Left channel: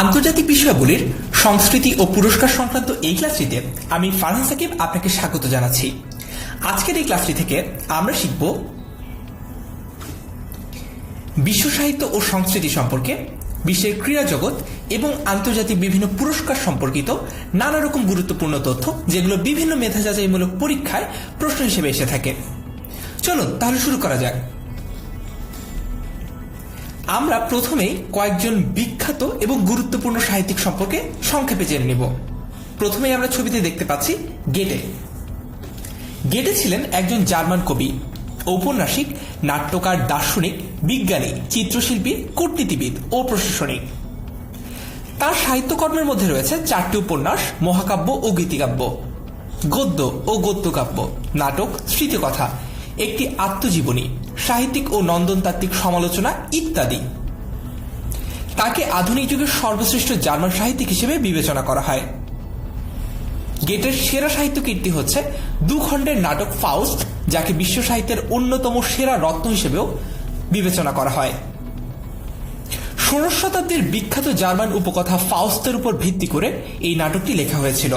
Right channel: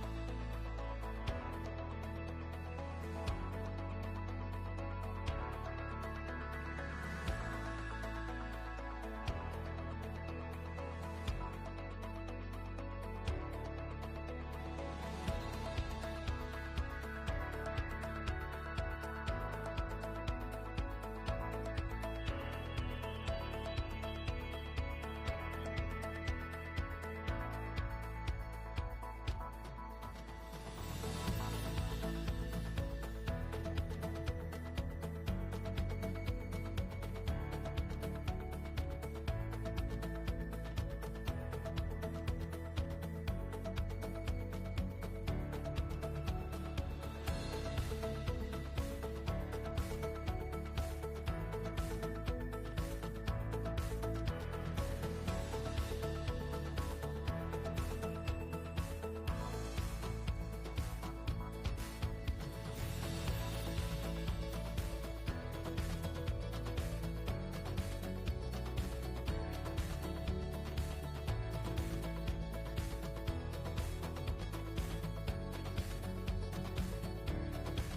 আন্তর্জাতিক বিষয়াবলীর সংস্কৃতি ও পুরস্কার সংক্রান্ত এই ক্লাসটিতে আমি ফারহান সাকিব আপনাকে স্বাগত জানাচ্ছি। আজকের এই ক্লাসটি থেকে আমরা শিখব বিশ্ব সাহিত্য ও সংস্কৃতি সম্পর্কে, বিশ্বের ক্রীড়া জগৎ এবং আন্তর্জাতিক বিভিন্ন পুরস্কার সম্পর্কিত নানা রকম গুরুত্বপূর্ণ তথ্য, যেগুলো বিভিন্ন মেধা যাচাইমূলক পরীক্ষায় প্রশ্ন হিসেবে এসে থাকে। চলুন তাহলে শুরু করা যাক। আমরা প্রথমেই কয়েকজন বিখ্যাত এবং গুরুত্বপূর্ণ সাহিত্যিক সম্পর্কে সংক্ষেপে জেনে নেব। প্রথমেই আমরা ছবিতে দেখতে পাচ্ছি গেটে। গেটে ছিলেন একজন জার্মান কবি, ঔপন্যাসিক, নাট্যকার, দার্শনিক, বিজ্ঞানী, চিত্রশিল্পী, কূটনীতিবিদ ও প্রশাসনিক। তার সাহিত্যকর্মের মধ্যে রয়েছে 4টি উপন্যাস, মহাকাব্য ও গীতিকাব্য, গদ্য ও গদ্যকাব্য, নাটক, স্মৃতিকথা, একটি আত্মজীবনী, সাহিত্যিক ও নন্দনতাত্ত্বিক সমালোচনা ইত্যাদি। তাকে আধুনিক যুগের সর্বশ্রেষ্ঠ জার্মান সাহিত্যিক হিসেবে বিবেচনা করা হয়। গেটের সেরা সাহিত্য কীর্তি হচ্ছে 2 খণ্ডের নাটক ফাউস্ট, যাকে বিশ্ব সাহিত্যের অন্যতম সেরা রত্ন হিসেবেও বিবেচনা করা হয়। 16 শতাব্দীর বিখ্যাত জার্মান উপকথা ফাউস্টের উপর ভিত্তি করে এই নাটকটি লেখা হয়েছিল।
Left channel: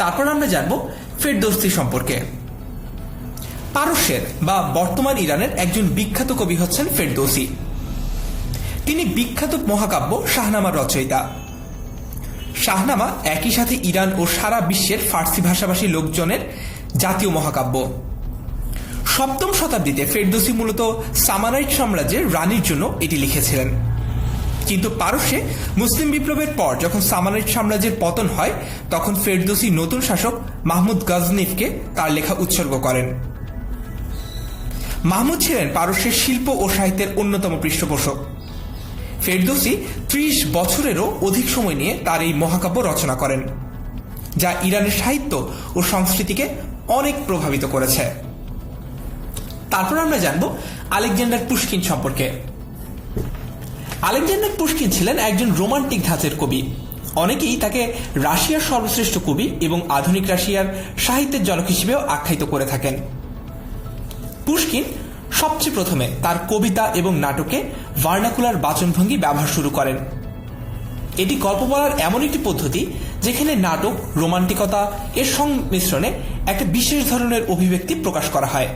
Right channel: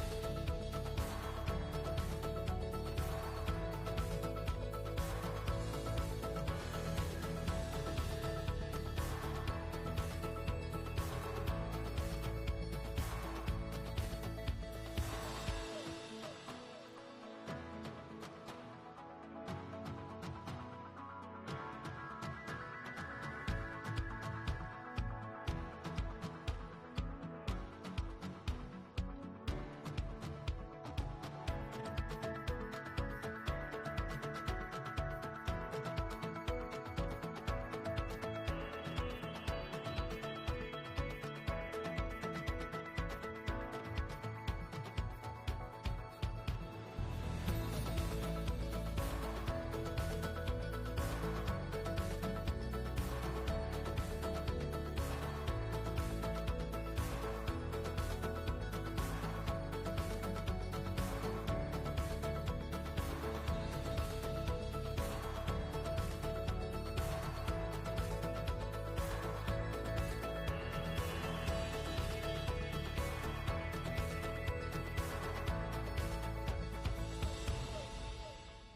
তারপর আমরা জানব ফেরদৌসী সম্পর্কে। পারস্যের বা বর্তমান ইরানের একজন বিখ্যাত কবি হচ্ছেন ফেরদৌসী। তিনি বিখ্যাত মহাকাব্য শাহনামার রচয়িতা। শাহনামা একই সাথে ইরান ও সারা বিশ্বের ফার্সি ভাষাভাষী লোকজনের জাতীয় মহাকাব্য। 7ম শতাব্দীতে ফেরদৌসী মূলত সামানাইট সাম্রাজ্যের রানীর জন্য এটি লিখেছিলেন। কিন্তু পারস্যে মুসলিম বিপ্লবের পর যখন সামানাইট সাম্রাজ্যের পতন হয়, তখন ফেরদৌসী নতুন শাসক মাহমুদ গজনিফকে তার লেখা উৎসর্গ করেন। মাহমুদ ছিলেন পারস্যের শিল্প ও সাহিত্যের অন্যতম পৃষ্ঠপোষক। ফেরদৌসী 30 বছরেরও অধিক সময় নিয়ে তার এই মহাকাব্য রচনা করেন, যা ইরানের সাহিত্য ও সংস্কৃতিকে অনেক প্রভাবিত করেছে। তারপর আমরা জানব আলেকজান্ডার পুশকিন সম্পর্কে। আলেকজান্ডার পুশকিন ছিলেন একজন রোমান্টিক ধাঁচের কবি। অনেকেই তাকে রাশিয়ার সর্বশ্রেষ্ঠ কবি এবং আধুনিক রাশিয়ার সাহিত্যের জনক হিসেবেও আখ্যায়িত করে থাকেন। পুশকিন সবচেয়ে প্রথমে তার কবিতা এবং নাটকে ভার্নাকুলার বাচনভঙ্গি ব্যবহার শুরু করেন। এটি গল্প বলার এমন একটি পদ্ধতি যেখানে নাটক, রোমান্টিকতা এর সংমিশ্রণে একটা বিশেষ ধরনের অভিব্যক্তি প্রকাশ করা হয়।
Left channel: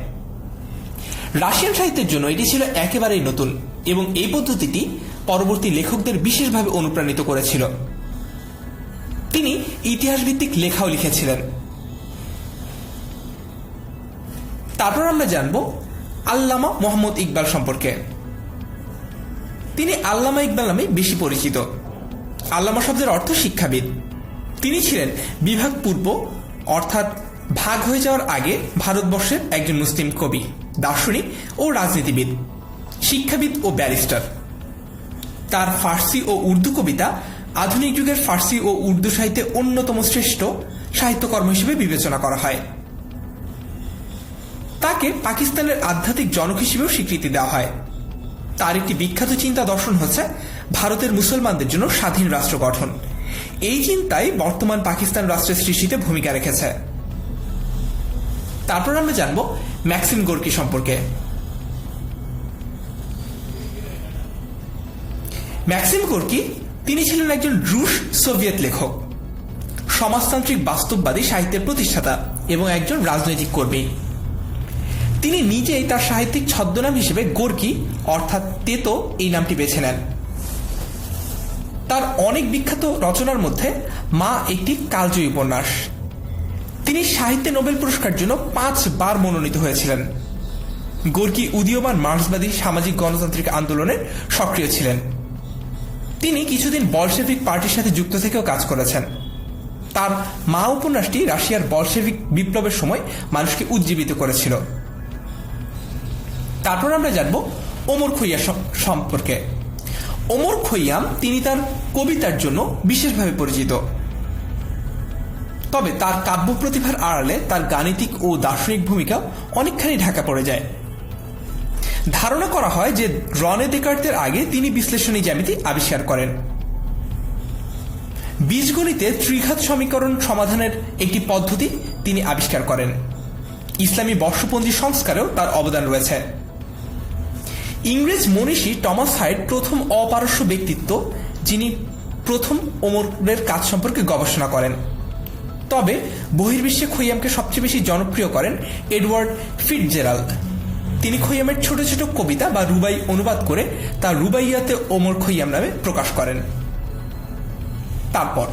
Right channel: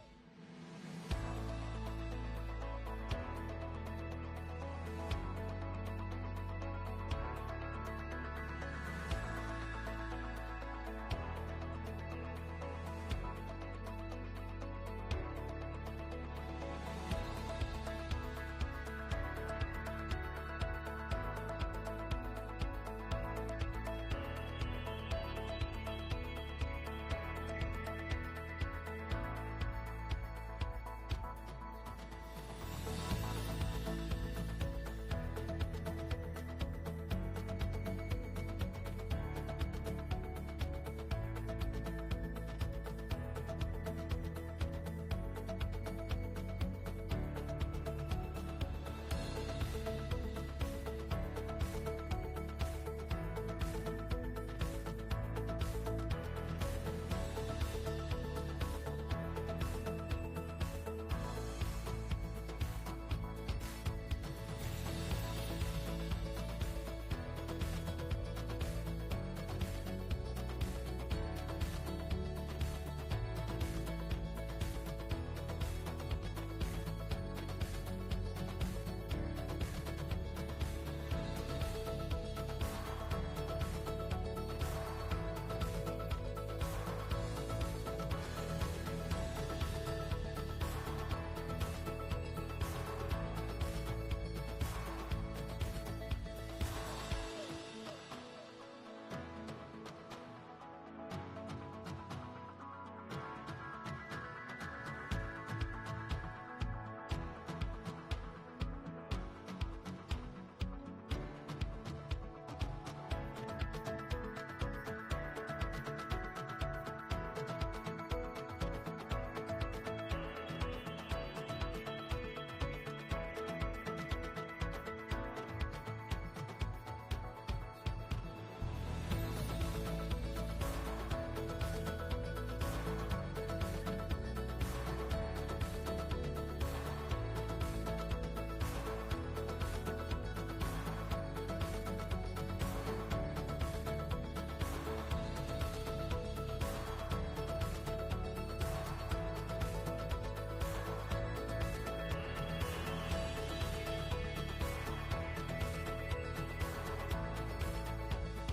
রাশিয়ান সাহিত্যের জন্য এটি ছিল একেবারেই নতুন এবং এই পদ্ধতিটি পরবর্তী লেখকদের বিশেষভাবে অনুপ্রাণিত করেছিল। তিনি ইতিহাসভিত্তিক লেখাও লিখেছিলেন। তারপর আমরা জানব আল্লামা মোহাম্মদ ইকবাল সম্পর্কে। তিনি আল্লামা ইকবাল নামে বেশি পরিচিত। আল্লামা শব্দের অর্থ শিক্ষাবিদ। তিনি ছিলেন বিভাগ পূর্ব, অর্থাৎ ভাগ হয়ে যাওয়ার আগে ভারতবর্ষের একজন মুসলিম কবি, দার্শনিক ও রাজনীতিবিদ, শিক্ষাবিদ ও ব্যারিস্টার। তার ফার্সি ও উর্দু কবিতা আধুনিক যুগের ফার্সি ও উর্দু সাহিত্যে অন্যতম শ্রেষ্ঠ সাহিত্যকর্ম হিসেবে বিবেচনা করা হয়। তাকে পাকিস্তানের আধ্যাত্মিক জনক হিসেবেও স্বীকৃতি দেওয়া হয়। তার একটি বিখ্যাত চিন্তা দর্শন হচ্ছে ভারতের মুসলমানদের জন্য স্বাধীন রাষ্ট্র গঠন। এই চিন্তাই বর্তমান পাকিস্তান রাষ্ট্রের সৃষ্টিতে ভূমিকা রেখেছে। তারপর আমরা জানব ম্যাক্সিম গোর্কি সম্পর্কে। ম্যাক্সিম গোর্কি তিনি ছিলেন একজন রুশ সোভিয়েত লেখক, সমাজতান্ত্রিক বাস্তববাদী সাহিত্যের প্রতিষ্ঠাতা এবং একজন রাজনৈতিক কর্মী। তিনি নিজেই তার সাহিত্যিক ছদ্মনাম হিসেবে গোর্কি অর্থাৎ তেতো এই নামটি বেছে নেন। তার অনেক বিখ্যাত রচনার মধ্যে মা একটি কালজয়ী উপন্যাস। তিনি সাহিত্যে নোবেল পুরস্কারের জন্য 5 বার মনোনীত হয়েছিলেন। গোর্কি উদীয়মান মার্ক্সবাদী সামাজিক গণতান্ত্রিক আন্দোলনের সক্রিয় ছিলেন। তিনি কিছুদিন বলশেভিক পার্টির সাথে যুক্ত থেকেও কাজ করেছেন। তার মা উপন্যাসটি রাশিয়ার বলশেভিক বিপ্লবের সময় মানুষকে উজ্জীবিত করেছিল। তারপর আমরা জানব ওমর খৈয়াম সম্পর্কে। ওমর খৈয়াম তিনি তার কবিতার জন্য বিশেষভাবে পরিচিত, তবে তার কাব্য প্রতিভার আড়ালে তার গাণিতিক ও দার্শনিক ভূমিকা অনেকখানি ঢাকা পড়ে যায়। ধারণা করা হয় যে রনে দেকার্তের আগে তিনি বিশ্লেষণী জ্যামিতি আবিষ্কার করেন। বীজগণিতে ত্রিঘাত সমীকরণ সমাধানের একটি পদ্ধতি তিনি আবিষ্কার করেন। ইসলামী বর্ষপঞ্জি সংস্কারেও তার অবদান রয়েছে। ইংরেজ মনীষী টমাস হাইড প্রথম অপারস্য ব্যক্তিত্ব যিনি প্রথম ওমরের কাজ সম্পর্কে গবেষণা করেন। তবে বহির্বিশ্বে খৈয়ামকে সবচেয়ে বেশি জনপ্রিয় করেন এডওয়ার্ড ফিটজেরাল্ড। তিনি খৈয়ামের ছোট ছোট কবিতা বা রুবাই অনুবাদ করে তা রুবাইয়াতে ওমর খৈয়াম নামে প্রকাশ করেন। তারপর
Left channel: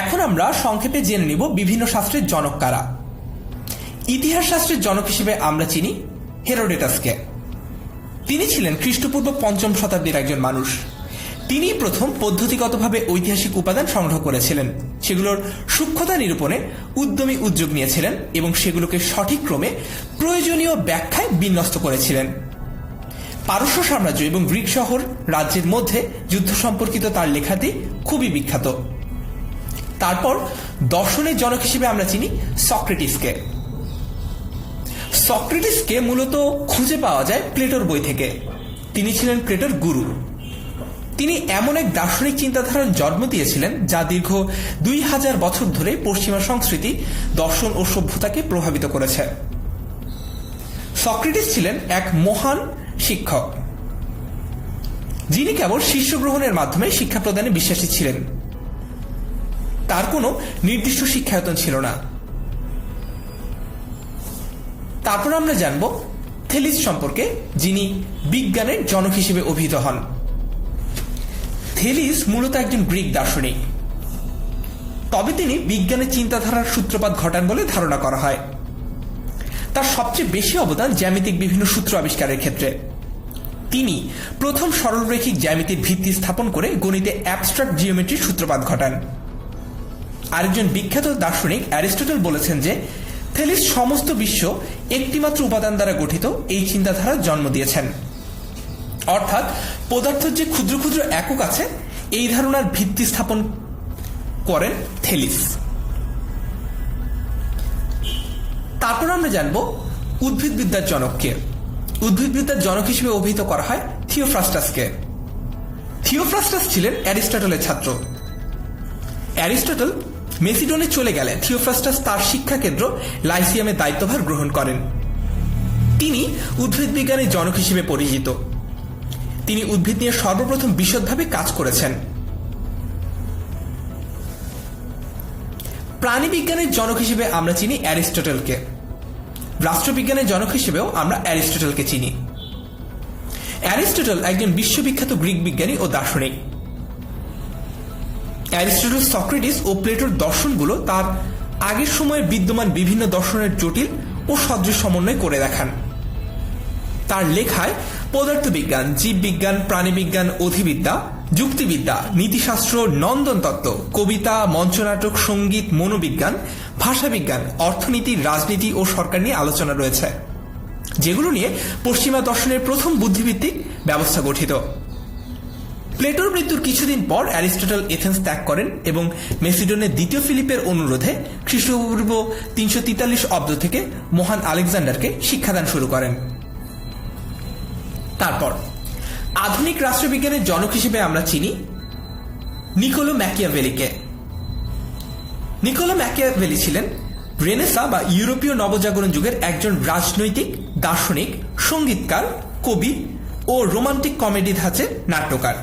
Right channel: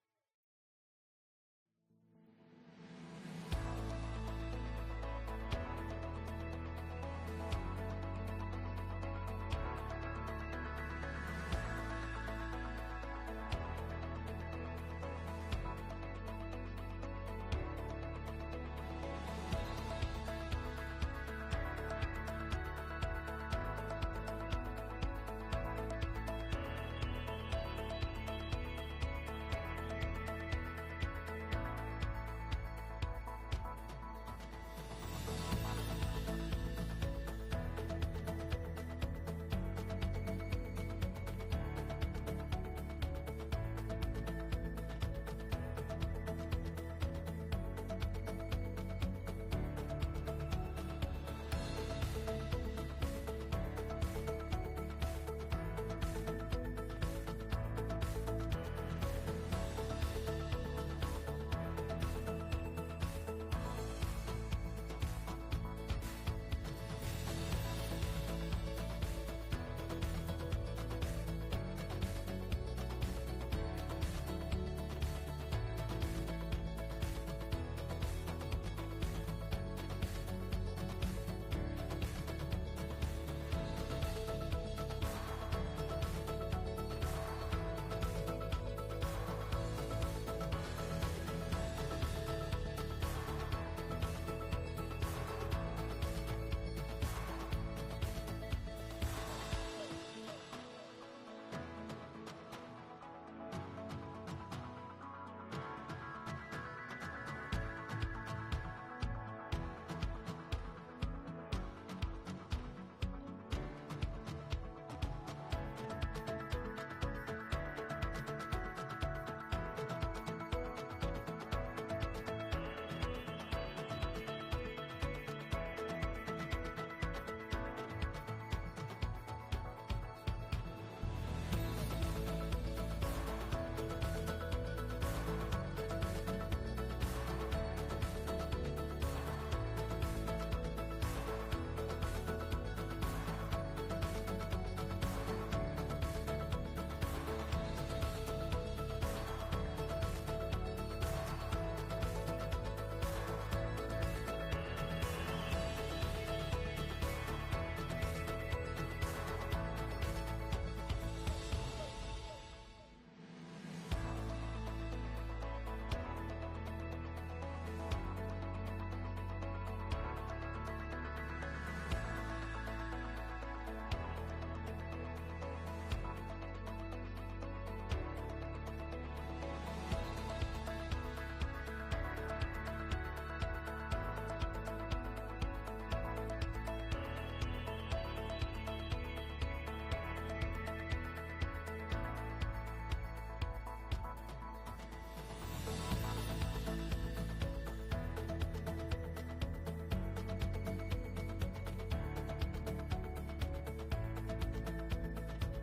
এখন আমরা সংক্ষেপে জেনে নিব বিভিন্ন শাস্ত্রের জনক কারা। ইতিহাস শাস্ত্রের জনক হিসেবে আমরা চিনি হেরোডোটাসকে। তিনি ছিলেন খ্রিস্টপূর্ব ৫ম শতাব্দীর একজন মানুষ। তিনি প্রথম পদ্ধতিগতভাবে ঐতিহাসিক উপাদান সংগ্রহ করেছিলেন, সেগুলোর সূক্ষ্মতা নিরূপণে উদ্যমী উদ্যোগ নিয়েছিলেন এবং সেগুলোকে সঠিক ক্রমে প্রয়োজনীয় ব্যাখ্যায় বিন্যস্ত করেছিলেন। পারস্য সাম্রাজ্য এবং গ্রিক শহর রাজ্যের মধ্যে যুদ্ধ সম্পর্কিত তার লেখাটি খুবই বিখ্যাত। তারপর দর্শনের জনক হিসেবে আমরা চিনি সক্রেটিসকে। সক্রেটিসকে মূলত খুঁজে পাওয়া যায় প্লেটোর বই থেকে। তিনি ছিলেন প্লেটোর গুরু। তিনি এমন এক দার্শনিক চিন্তাধারার জন্ম দিয়েছিলেন যা দীর্ঘ ২০০০ বছর ধরে পশ্চিমা সংস্কৃতি, দর্শন ও সভ্যতাকে প্রভাবিত করেছে। সক্রেটিস ছিলেন এক মহান শিক্ষক, যিনি কেবল শিষ্য গ্রহণের মাধ্যমে শিক্ষা প্রদানে বিশ্বাসী ছিলেন। তার কোনো নির্দিষ্ট শিক্ষায়তন ছিল না। তারপর আমরা জানব থেলিস সম্পর্কে, যিনি বিজ্ঞানের জনক হিসেবে অভিহিত হন। থেলিস মূলত একজন গ্রিক দার্শনিক, তবে তিনি বিজ্ঞানের চিন্তাধারার সূত্রপাত ঘটান বলে ধারণা করা হয়। তার সবচেয়ে বেশি অবদান জ্যামিতিক বিভিন্ন সূত্র আবিষ্কারের ক্ষেত্রে। তিনি প্রথম সরলরৈখিক জ্যামিতির ভিত্তি স্থাপন করে গণিতে অ্যাবস্ট্রাক্ট জিওমেট্রির সূত্রপাত ঘটান। আরেকজন বিখ্যাত দার্শনিক অ্যারিস্টটল বলেছেন যে থেলিস সমস্ত বিশ্ব একটিমাত্র উপাদান দ্বারা গঠিত এই চিন্তাধারার জন্ম দিয়েছেন। অর্থাৎ পদার্থের যে ক্ষুদ্র ক্ষুদ্র একক আছে এই ধারণার ভিত্তি স্থাপন করেন থেলিস। তারপর আমরা জানব উদ্ভিদবিদ্যার জনককে। উদ্ভিদবিদ্যার জনক হিসেবে অভিহিত করা হয় থিওফ্রাস্টাসকে। থিওফ্রাস্টাস ছিলেন অ্যারিস্টটলের ছাত্র। অ্যারিস্টটল মেসিডনে চলে গেলে থিওফ্রাস্টাস তার শিক্ষা কেন্দ্র লাইসিয়ামের দায়িত্বভার গ্রহণ করেন। তিনি উদ্ভিদ বিজ্ঞানের জনক হিসেবে পরিচিত। তিনি উদ্ভিদ নিয়ে সর্বপ্রথম বিশদভাবে কাজ করেছেন। প্রাণীবিজ্ঞানের জনক হিসেবে আমরা চিনি অ্যারিস্টটলকে। রাষ্ট্রবিজ্ঞানের জনক হিসেবেও আমরা অ্যারিস্টটলকে চিনি। অ্যারিস্টটল একজন বিশ্ববিখ্যাত গ্রিক বিজ্ঞানী ও দার্শনিক। অ্যারিস্টটল সক্রেটিস ও প্লেটোর দর্শনগুলো তার আগের সময়ে বিদ্যমান বিভিন্ন দর্শনের জটিল ও সদৃশ সমন্বয় করে দেখান। তার লেখায় পদার্থবিজ্ঞান, জীববিজ্ঞান, প্রাণীবিজ্ঞান, অধিবিদ্যা, যুক্তিবিদ্যা, নীতিশাস্ত্র, নন্দনতত্ত্ব, কবিতা, মঞ্চনাটক, সঙ্গীত, মনোবিজ্ঞান, ভাষাবিজ্ঞান, অর্থনীতি, রাজনীতি ও সরকার নিয়ে আলোচনা রয়েছে, যেগুলো নিয়ে পশ্চিমা দর্শনের প্রথম বুদ্ধিভিত্তিক ব্যবস্থা গঠিত। প্লেটোর মৃত্যুর কিছুদিন পর অ্যারিস্টটল এথেন্স ত্যাগ করেন এবং মেসিডনের দ্বিতীয় ফিলিপের অনুরোধে খ্রিস্টপূর্ব ৩৪৩ অব্দ থেকে মহান আলেকজান্ডারকে শিক্ষাদান শুরু করেন। তারপর আধুনিক রাষ্ট্রবিজ্ঞানের জনক হিসেবে আমরা চিনি নিকোলো ম্যাকিয়াভেলিকে। নিকোলো ম্যাকিয়াভেলি ছিলেন রেনেসা বা ইউরোপীয় নবজাগরণ যুগের একজন রাজনৈতিক, দার্শনিক, সঙ্গীতকার, কবি ও রোমান্টিক কমেডি ধাঁচের নাট্যকার।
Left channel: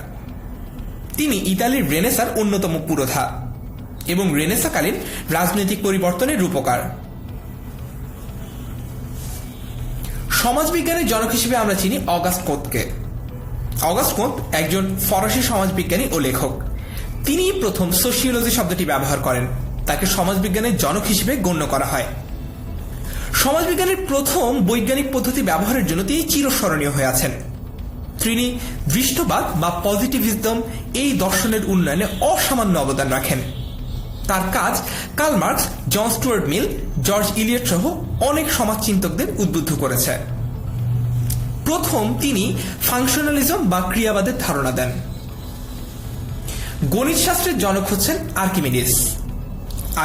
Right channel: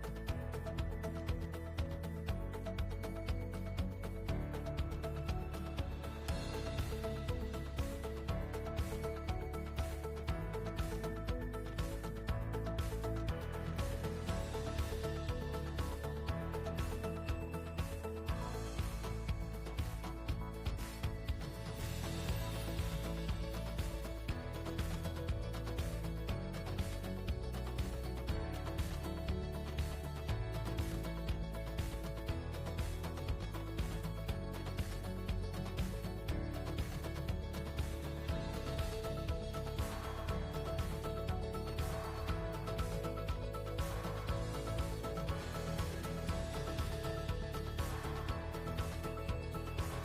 তিনি ইতালির রেনেসার অন্যতম পুরোধা এবং রেনেসাকালীন রাজনৈতিক পরিবর্তনের রূপকার। সমাজবিজ্ঞানের জনক হিসেবে আমরা চিনি অগাস্ট কোঁতকে। অগাস্ট কোঁত একজন ফরাসি সমাজবিজ্ঞানী ও লেখক। তিনি প্রথম সোশিওলজি শব্দটি ব্যবহার করেন। তাকে সমাজবিজ্ঞানের জনক হিসেবে গণ্য করা হয়। সমাজবিজ্ঞানের প্রথম বৈজ্ঞানিক পদ্ধতি ব্যবহারের জন্য তিনি চিরস্মরণীয় হয়ে আছেন। তিনি দৃষ্টবাদ বা পজিটিভিজম এই দর্শনের উন্নয়নে অসামান্য অবদান রাখেন। তার কাজ কার্ল মার্কস, জন স্টুয়ার্ট মিল, জর্জ ইলিয়ট সহ অনেক সমাজচিন্তকদের উদ্বুদ্ধ করেছে। প্রথম তিনি ফাংশনালিজম বা ক্রিয়াবাদের ধারণা দেন। গণিত শাস্ত্রের জনক হচ্ছেন আর্কিমিডিস।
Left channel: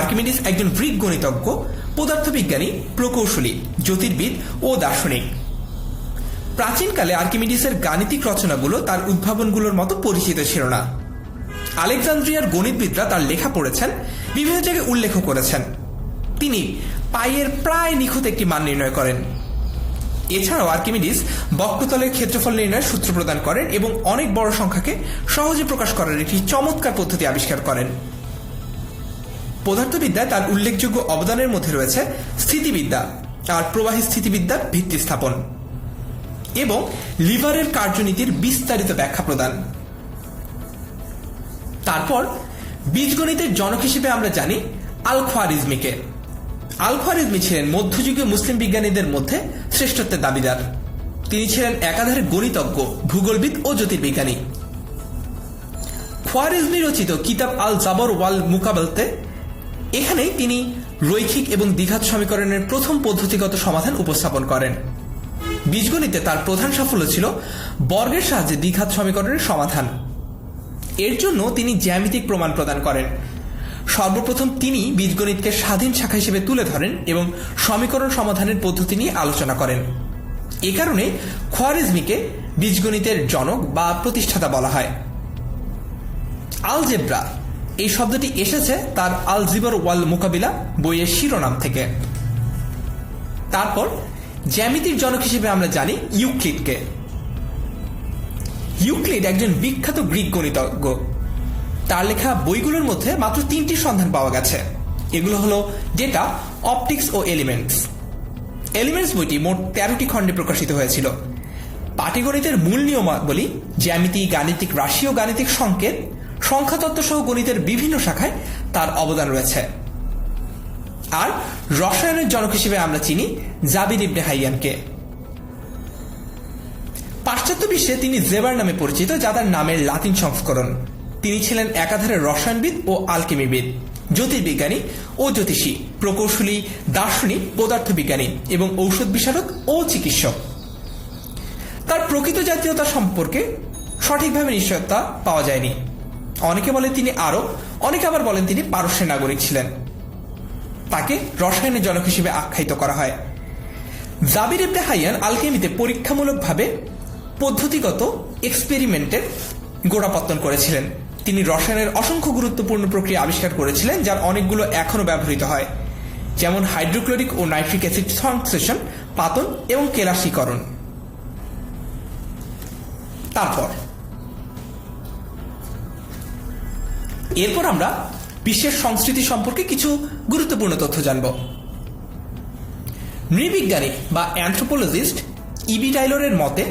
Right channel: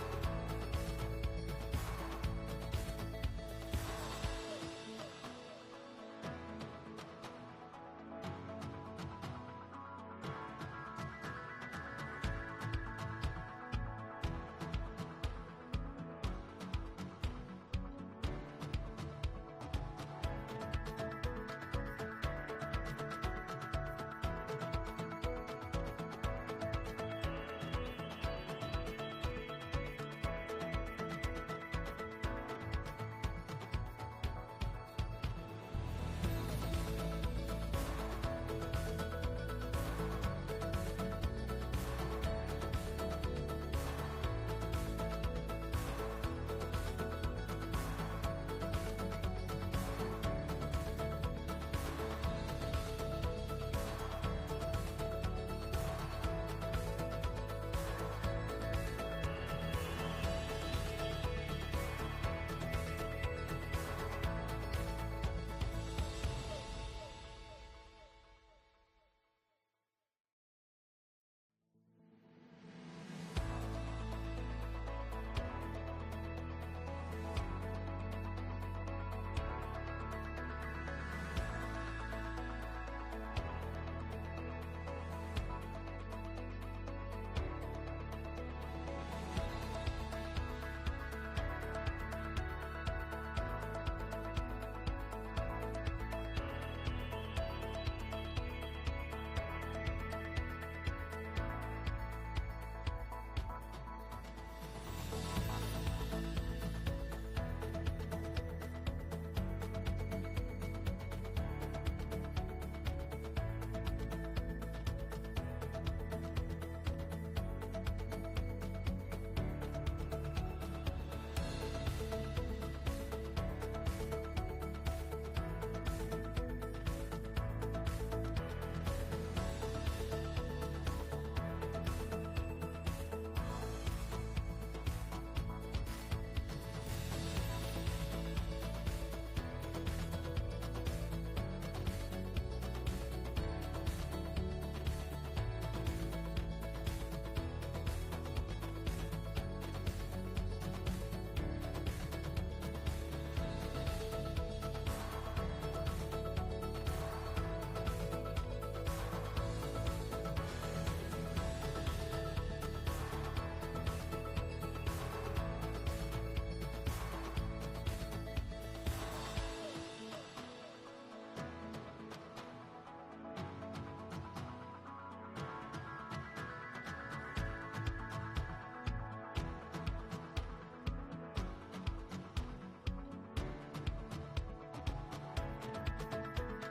আর্কিমিডিস একজন গ্রিক গণিতজ্ঞ, পদার্থবিজ্ঞানী, প্রকৌশলী, জ্যোতির্বিদ ও দার্শনিক। প্রাচীনকালে আর্কিমিডিসের গাণিতিক রচনাগুলো তার উদ্ভাবনগুলোর মতো পরিচিত ছিল না। আলেকজান্দ্রিয়ার গণিতবিদরা তার লেখা পড়েছেন, বিভিন্ন জায়গায় উল্লেখ করেছেন। তিনি পাইয়ের প্রায় নিখুঁত একটি মান নির্ণয় করেন। এছাড়াও আর্কিমিডিস বক্রতলের ক্ষেত্রফল নির্ণয়ের সূত্র প্রদান করেন এবং অনেক বড় সংখ্যাকে সহজে প্রকাশ করার একটি চমৎকার পদ্ধতি আবিষ্কার করেন। পদার্থবিদ্যায় তার উল্লেখযোগ্য অবদানের মধ্যে রয়েছে স্থিতিবিদ্যা আর প্রবাহী স্থিতিবিদ্যার ভিত্তি স্থাপন এবং লিভারের কার্যনীতির বিস্তারিত ব্যাখ্যা প্রদান। তারপর বীজগণিতের জনক হিসেবে আমরা জানি আল-খোয়ারিজমিকে। আল-খোয়ারিজমি ছিলেন মধ্যযুগীয় মুসলিম বিজ্ঞানীদের মধ্যে শ্রেষ্ঠত্বের দাবিদার। তিনি ছিলেন একাধারে গণিতজ্ঞ, ভূগোলবিদ ও জ্যোতির্বিজ্ঞানী। খোয়ারিজমি রচিত কিতাব আল জাবর ওয়াল মুকাবালতে এখানেই তিনি রৈখিক এবং দ্বিঘাত সমীকরণের প্রথম পদ্ধতিগত সমাধান উপস্থাপন করেন। বীজগণিতে তার প্রধান সাফল্য ছিল বর্গের সাহায্যে দ্বিঘাত সমীকরণের সমাধান। এর জন্য তিনি জ্যামিতিক প্রমাণ প্রদান করেন। সর্বপ্রথম তিনি বীজগণিতকে স্বাধীন শাখা হিসেবে তুলে ধরেন এবং সমীকরণ সমাধানের পদ্ধতি নিয়ে আলোচনা করেন। এ কারণে খোয়ারিজমিকে বীজগণিতের জনক বা প্রতিষ্ঠাতা বলা হয়। আলজেব্রা এই শব্দটি এসেছে তার আল জিবর ওয়াল মুকাবিলা বইয়ের শিরোনাম থেকে। তারপর জ্যামিতির জনক হিসেবে আমরা জানি ইউক্লিডকে। ইউক্লিড একজন বিখ্যাত গ্রিক গণিতজ্ঞ। তার লেখা বইগুলোর মধ্যে মাত্র 3টি সন্ধান পাওয়া গেছে। এগুলো হলো ডেটা, অপটিক্স ও এলিমেন্টস। এলিমেন্টস বইটি মোট 13টি খণ্ডে প্রকাশিত হয়েছিল। পাটিগণিতের মূল নিয়মাবলী, জ্যামিতি, গাণিতিক রাশি ও গাণিতিক সংকেত, সংখ্যাতত্ত্ব সহ গণিতের বিভিন্ন শাখায় তার অবদান রয়েছে। আর রসায়নের জনক হিসেবে আমরা চিনি জাবির ইবনে হাইয়ানকে। পাশ্চাত্য বিশ্বে তিনি জেবার নামে পরিচিত, যা তার নামের লাতিন সংস্করণ। তিনি ছিলেন একাধারে রসায়নবিদ ও আলকেমিবিদ, জ্যোতির্বিজ্ঞানী ও জ্যোতিষী, প্রকৌশলী, দার্শনিক, পদার্থবিজ্ঞানী এবং ঔষধ বিশারদ ও চিকিৎসক। তার প্রকৃত জাতীয়তা সম্পর্কে সঠিকভাবে নিশ্চয়তা পাওয়া যায়নি। অনেকে বলেন তিনি আরব, অনেকে আবার বলেন তিনি পারস্যের নাগরিক ছিলেন। তাকে রসায়নের জনক হিসেবে আখ্যায়িত করা হয়। জাবির ইবনে হাইয়ান আলকেমিতে পরীক্ষামূলকভাবে পদ্ধতিগত এক্সপেরিমেন্টের গোড়াপত্তন করেছিলেন। তিনি রসায়নের অসংখ্য গুরুত্বপূর্ণ প্রক্রিয়া আবিষ্কার করেছিলেন, যার অনেকগুলো এখনো ব্যবহৃত হয়, যেমন হাইড্রোক্লোরিক ও নাইট্রিক অ্যাসিড সংশ্লেষণ, পাতন এবং কেলাসীকরণ। এরপর আমরা বিশ্বের সংস্কৃতি সম্পর্কে কিছু গুরুত্বপূর্ণ তথ্য জানব। নৃবিজ্ঞানী বা অ্যানথ্রোপোলজিস্ট ইবি টাইলরের মতে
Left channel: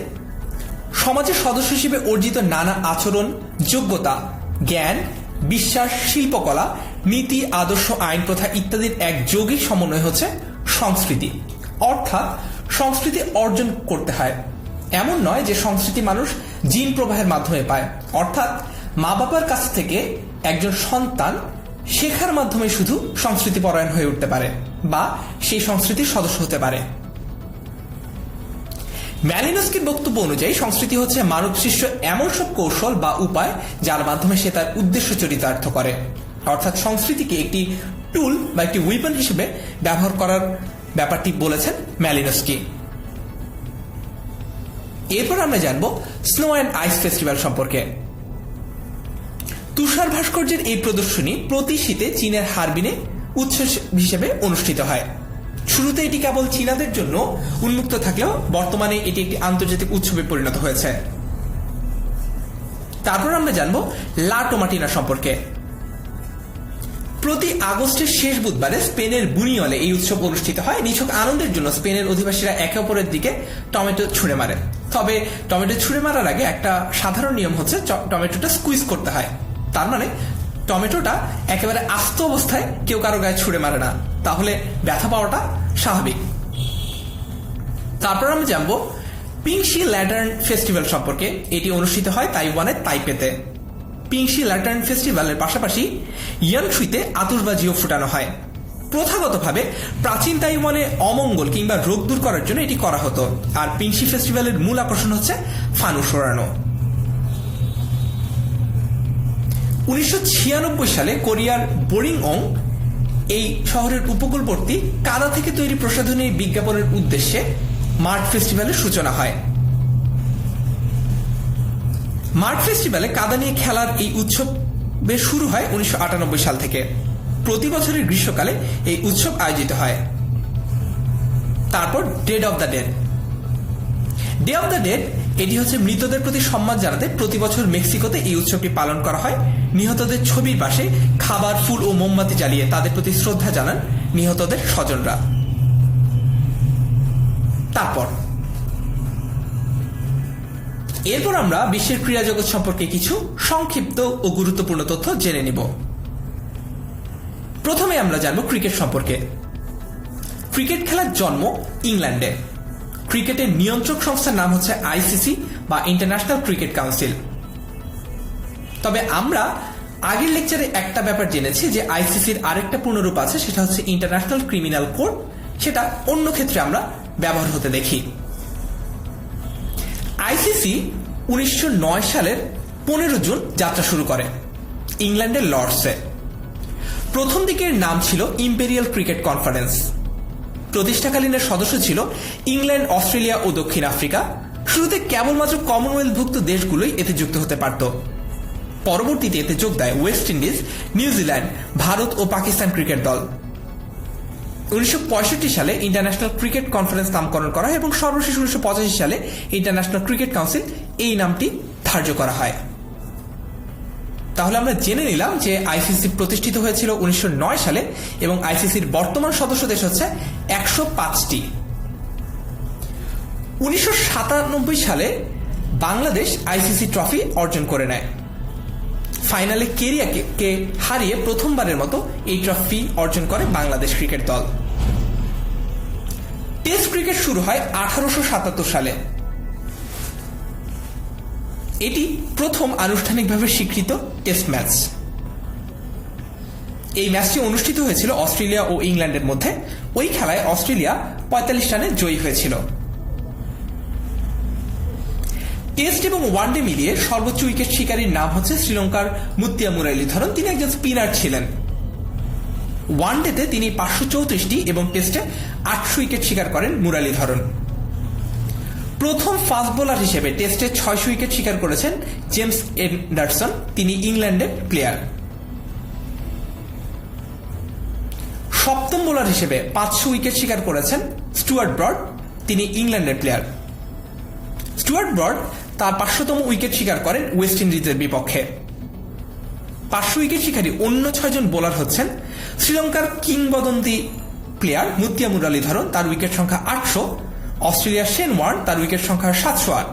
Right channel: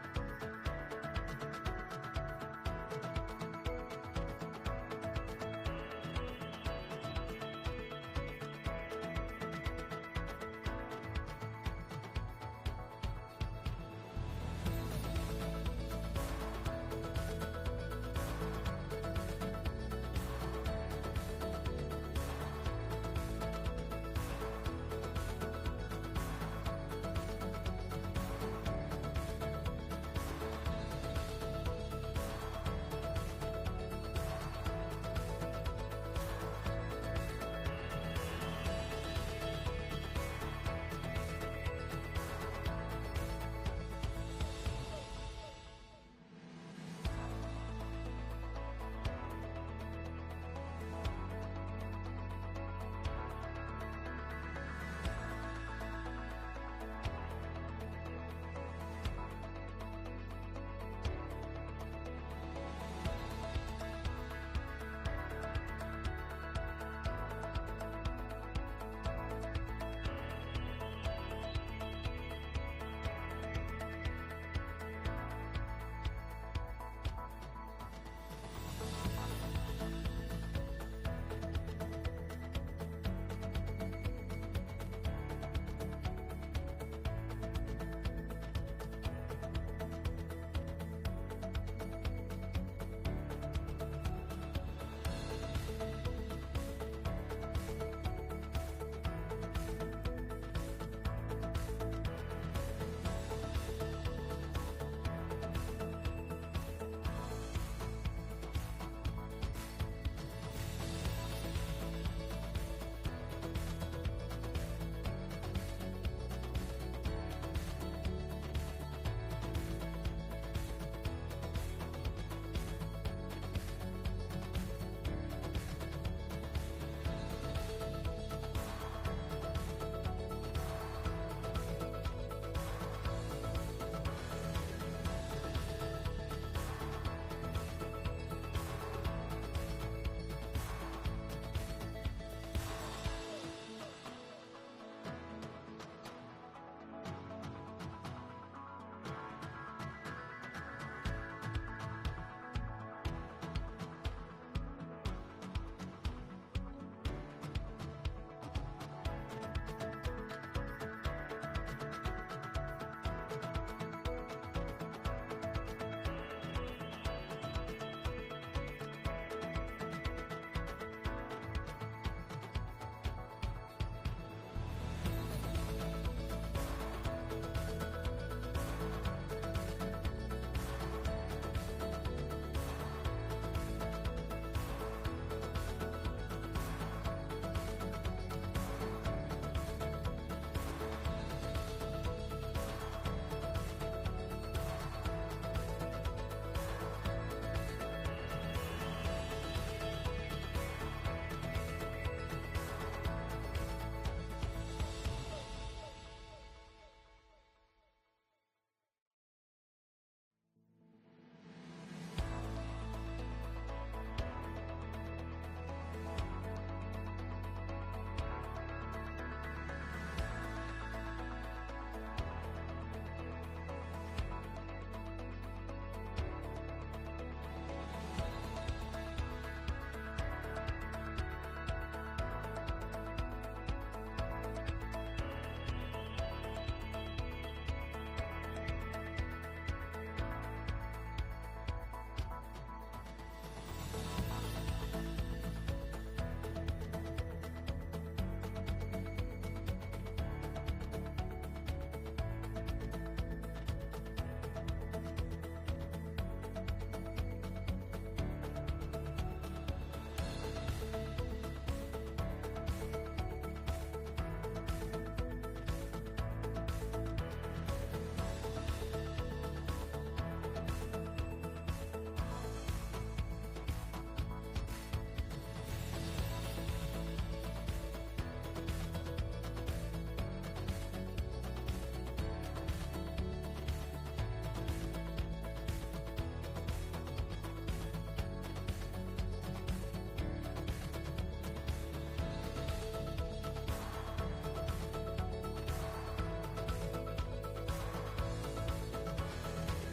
সমাজের সদস্য হিসেবে অর্জিত নানা আচরণ, যোগ্যতা, জ্ঞান, বিশ্বাস, শিল্পকলা, নীতি, আদর্শ, আইন, প্রথা ইত্যাদির এক যৌগিক সমন্বয় হচ্ছে সংস্কৃতি। অর্থাৎ সংস্কৃতি অর্জন করতে হয়। এমন নয় যে সংস্কৃতি মানুষ জিন প্রবাহের মাধ্যমে পায়। অর্থাৎ মা বাবার কাছ থেকে একজন সন্তান শেখার মাধ্যমে শুধু সংস্কৃতি পরায়ণ হয়ে উঠতে পারে বা সেই সংস্কৃতির সদস্য হতে পারে। ম্যালিনস্কির বক্তব্য অনুযায়ী সংস্কৃতি হচ্ছে মানব সৃষ্ট এমন সব কৌশল বা উপায় যার মাধ্যমে সে তার উদ্দেশ্য চরিতার্থ করে। অর্থাৎ সংস্কৃতিকে একটি টুল বা একটি উইপন হিসেবে ব্যবহার করার ব্যাপারটি বলেছেন ম্যালিনস্কি। এরপর আমরা জানব স্নো অ্যান্ড আইস ফেস্টিভ্যাল সম্পর্কে। তুষার ভাস্কর্যের এই প্রদর্শনী প্রতি শীতে চীনের হারবিনে উৎসব হিসেবে অনুষ্ঠিত হয়। শুরুতে এটি কেবল চীনাদের জন্য উন্মুক্ত থাকলেও বর্তমানে এটি একটি আন্তর্জাতিক উৎসবে পরিণত হয়েছে। তারপর আমরা জানব লা টোমাটিনা সম্পর্কে। প্রতি আগস্টের শেষ বুধবারে স্পেনের বুনিয়লে এই উৎসব অনুষ্ঠিত হয়। নিছক আনন্দের জন্য স্পেনের অধিবাসীরা একে অপরের দিকে টমেটো ছুঁড়ে মারে। তবে টমেটো ছুঁড়ে মারার আগে একটা সাধারণ নিয়ম হচ্ছে টমেটোটা স্কুইজ করতে হয়। তার মানে টমেটোটা একেবারে আস্ত অবস্থায় কেউ কারো গায়ে ছুঁড়ে মারে না, তাহলে ব্যথা পাওয়াটা স্বাভাবিক। তারপর আমরা জানবো পিংশি ল্যান্টার্ন ফেস্টিভ্যাল সম্পর্কে। এটি অনুষ্ঠিত হয় তাইওয়ানের তাইপেতে। পিংশি ল্যান্টার্ন ফেস্টিভ্যালের পাশাপাশি ইয়ানশুইতে আতশবাজিও ফুটানো হয়। প্রথাগতভাবে প্রাচীন তাইওয়ানে অমঙ্গল কিংবা রোগ দূর করার জন্য এটি করা হতো। আর পিংশি ফেস্টিভ্যালের মূল আকর্ষণ হচ্ছে ফানুস ওড়ানো। 1996 সালে কোরিয়ার বোরিংঅং এই শহরের উপকূলবর্তী কাদা থেকে তৈরি প্রসাধনী বিজ্ঞাপনের উদ্দেশ্যে মার্ট ফেস্টিভ্যালের সূচনা হয়। মার্ট ফেস্টিভ্যালে কাদা নিয়ে খেলার এই উৎসবে শুরু হয় 1998 সাল থেকে। প্রতি বছরের গ্রীষ্মকালে এই উৎসব আয়োজিত হয়। তারপর dead of the dead day of the dead এটি হচ্ছে মৃতদের প্রতি সম্মান জানাতে প্রতি বছর মেক্সিকোতে এই উৎসবটি পালন করা হয়। নিহতদের ছবির পাশে খাবার, ফুল ও মোমবাতি জ্বালিয়ে তাদের প্রতি শ্রদ্ধা জানান নিহতদের স্বজনরা। এরপর আমরা বিশ্বের ক্রীড়া জগৎ সম্পর্কে কিছু সংক্ষিপ্ত ও গুরুত্বপূর্ণ তথ্য জেনে নিব। প্রথমে আমরা জানব ক্রিকেট সম্পর্কে। ক্রিকেট খেলার জন্ম ইংল্যান্ডে। ক্রিকেটের নিয়ন্ত্রক সংস্থার নাম হচ্ছে আইসিসি বা ইন্টারন্যাশনাল ক্রিকেট কাউন্সিল। তবে আমরা আগের লেকচারে একটা ব্যাপার জেনেছি যে আইসিসির আরেকটা পূর্ণরূপ আছে, সেটা হচ্ছে ইন্টারন্যাশনাল ক্রিমিনাল কোর্ট। সেটা অন্য ক্ষেত্রে আমরা ব্যবহার হতে দেখি। আইসিসি 1909 সালের 15 জুন যাত্রা শুরু করে ইংল্যান্ডের লর্ডসে। প্রথম দিকের নাম ছিল ইম্পেরিয়াল ক্রিকেট কনফারেন্স। প্রতিষ্ঠাকালীনের সদস্য ছিল ইংল্যান্ড, অস্ট্রেলিয়া ও দক্ষিণ আফ্রিকা। শুরুতে কেবলমাত্র কমনওয়েলথভুক্ত দেশগুলোই এতে যুক্ত হতে পারত। পরবর্তীতে এতে যোগ দেয় ওয়েস্ট ইন্ডিজ, নিউজিল্যান্ড, ভারত ও পাকিস্তান ক্রিকেট দল। 1965 সালে ইন্টারন্যাশনাল ক্রিকেট কনফারেন্স নামকরণ করা হয় এবং সর্বশেষ 1985 সালে ইন্টারন্যাশনাল ক্রিকেট কাউন্সিল এই নামটি ধার্য করা হয়। তাহলে আমরা জেনে নিলাম যে আইসিসি প্রতিষ্ঠিত হয়েছিল 1909 সালে এবং আইসিসির বর্তমান সদস্য দেশ হচ্ছে 105টি। 1997 সালে বাংলাদেশ আইসিসি ট্রফি অর্জন করে নেয়। ফাইনালে কেরিয়াকে হারিয়ে প্রথমবারের মতো এই ট্রফি অর্জন করে বাংলাদেশ ক্রিকেট দল। টেস্ট ক্রিকেট শুরু হয় 1877 সালে। এটি প্রথম আনুষ্ঠানিকভাবে স্বীকৃত টেস্ট ম্যাচ। এই ম্যাচটি অনুষ্ঠিত হয়েছিল অস্ট্রেলিয়া ও ইংল্যান্ডের মধ্যে। ওই খেলায় অস্ট্রেলিয়া 45 রানে জয়ী হয়েছিল। টেস্ট এবং ওয়ানডে মিলিয়ে সর্বোচ্চ উইকেট শিকারীর নাম হচ্ছে শ্রীলঙ্কার মুতিয়া মুরালীধরন। তিনি একজন স্পিনার ছিলেন। ওয়ানডেতে তিনি 534টি এবং টেস্টে 800 উইকেট শিকার করেন মুরালীধরন। প্রথম ফাস্ট বোলার হিসেবে টেস্টে 600 উইকেট শিকার করেছেন জেমস এন্ডারসন। তিনি ইংল্যান্ডের প্লেয়ার। সপ্তম বোলার হিসেবে 500 উইকেট শিকার করেছেন স্টুয়ার্ট ব্রড। তিনি ইংল্যান্ডের প্লেয়ার। স্টুয়ার্ট ব্রড তার 500তম উইকেট শিকার করেন ওয়েস্ট ইন্ডিজের বিপক্ষে। 500 উইকেট শিকারী অন্য 6 জন বোলার হচ্ছেন শ্রীলঙ্কার কিংবদন্তি প্লেয়ার মুতিয়া মুরালীধরন, তার উইকেট সংখ্যা 800। অস্ট্রেলিয়ার শেন ওয়ার্ন, তার উইকেট সংখ্যা 708।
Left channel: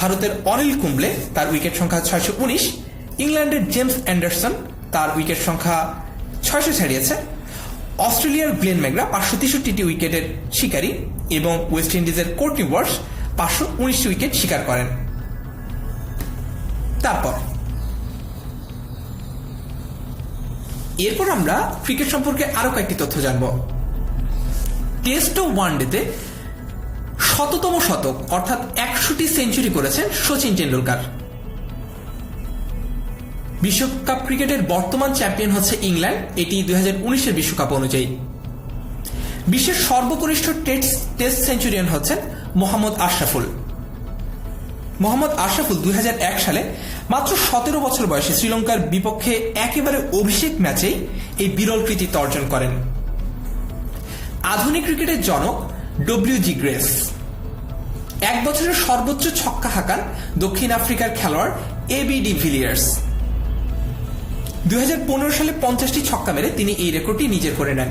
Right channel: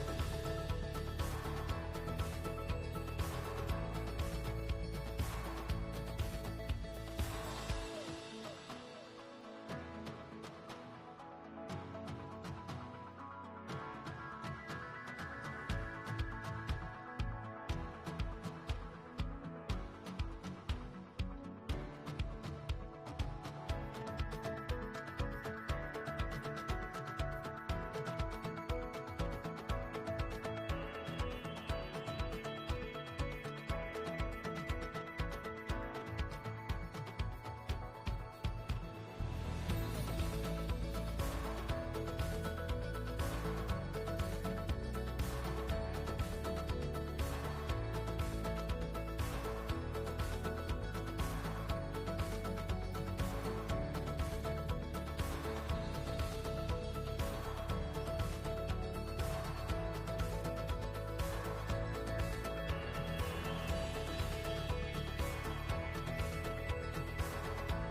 ভারতের অনিল কুম্বলে, তার উইকেট সংখ্যা 619। ইংল্যান্ডের জেমস অ্যান্ডারসন, তার উইকেট সংখ্যা 600 ছাড়িয়েছে। অস্ট্রেলিয়ার গ্লেন ম্যাকগ্রা 563টি উইকেটের শিকারী এবং ওয়েস্ট ইন্ডিজের কোর্টনি ওয়ার্স 519টি উইকেট শিকার করেন। এরপর আমরা ক্রিকেট সম্পর্কে আরো কয়েকটি তথ্য জানব। টেস্ট ও ওয়ানডেতে 100তম শতক অর্থাৎ 100টি সেঞ্চুরি করেছেন শচীন টেন্ডুলকার। বিশ্বকাপ ক্রিকেটের বর্তমান চ্যাম্পিয়ন হচ্ছে ইংল্যান্ড, এটি 2019 বিশ্বকাপ অনুযায়ী। বিশ্বের সর্বকনিষ্ঠ টেস্ট সেঞ্চুরিয়ান হচ্ছেন মোহাম্মদ আশরাফুল। মোহাম্মদ আশরাফুল 2001 সালে মাত্র 17 বছর বয়সে শ্রীলঙ্কার বিপক্ষে একেবারে অভিষেক ম্যাচেই এই বিরল কৃতিত্ব অর্জন করেন। আধুনিক ক্রিকেটের জনক WG গ্রেস। এক বছরের সর্বোচ্চ ছক্কা হাঁকান দক্ষিণ আফ্রিকার খেলোয়াড় AB ডিভিলিয়ার্স। 2015 সালে 50টি ছক্কা মেরে তিনি এই রেকর্ডটি নিজের করে নেন।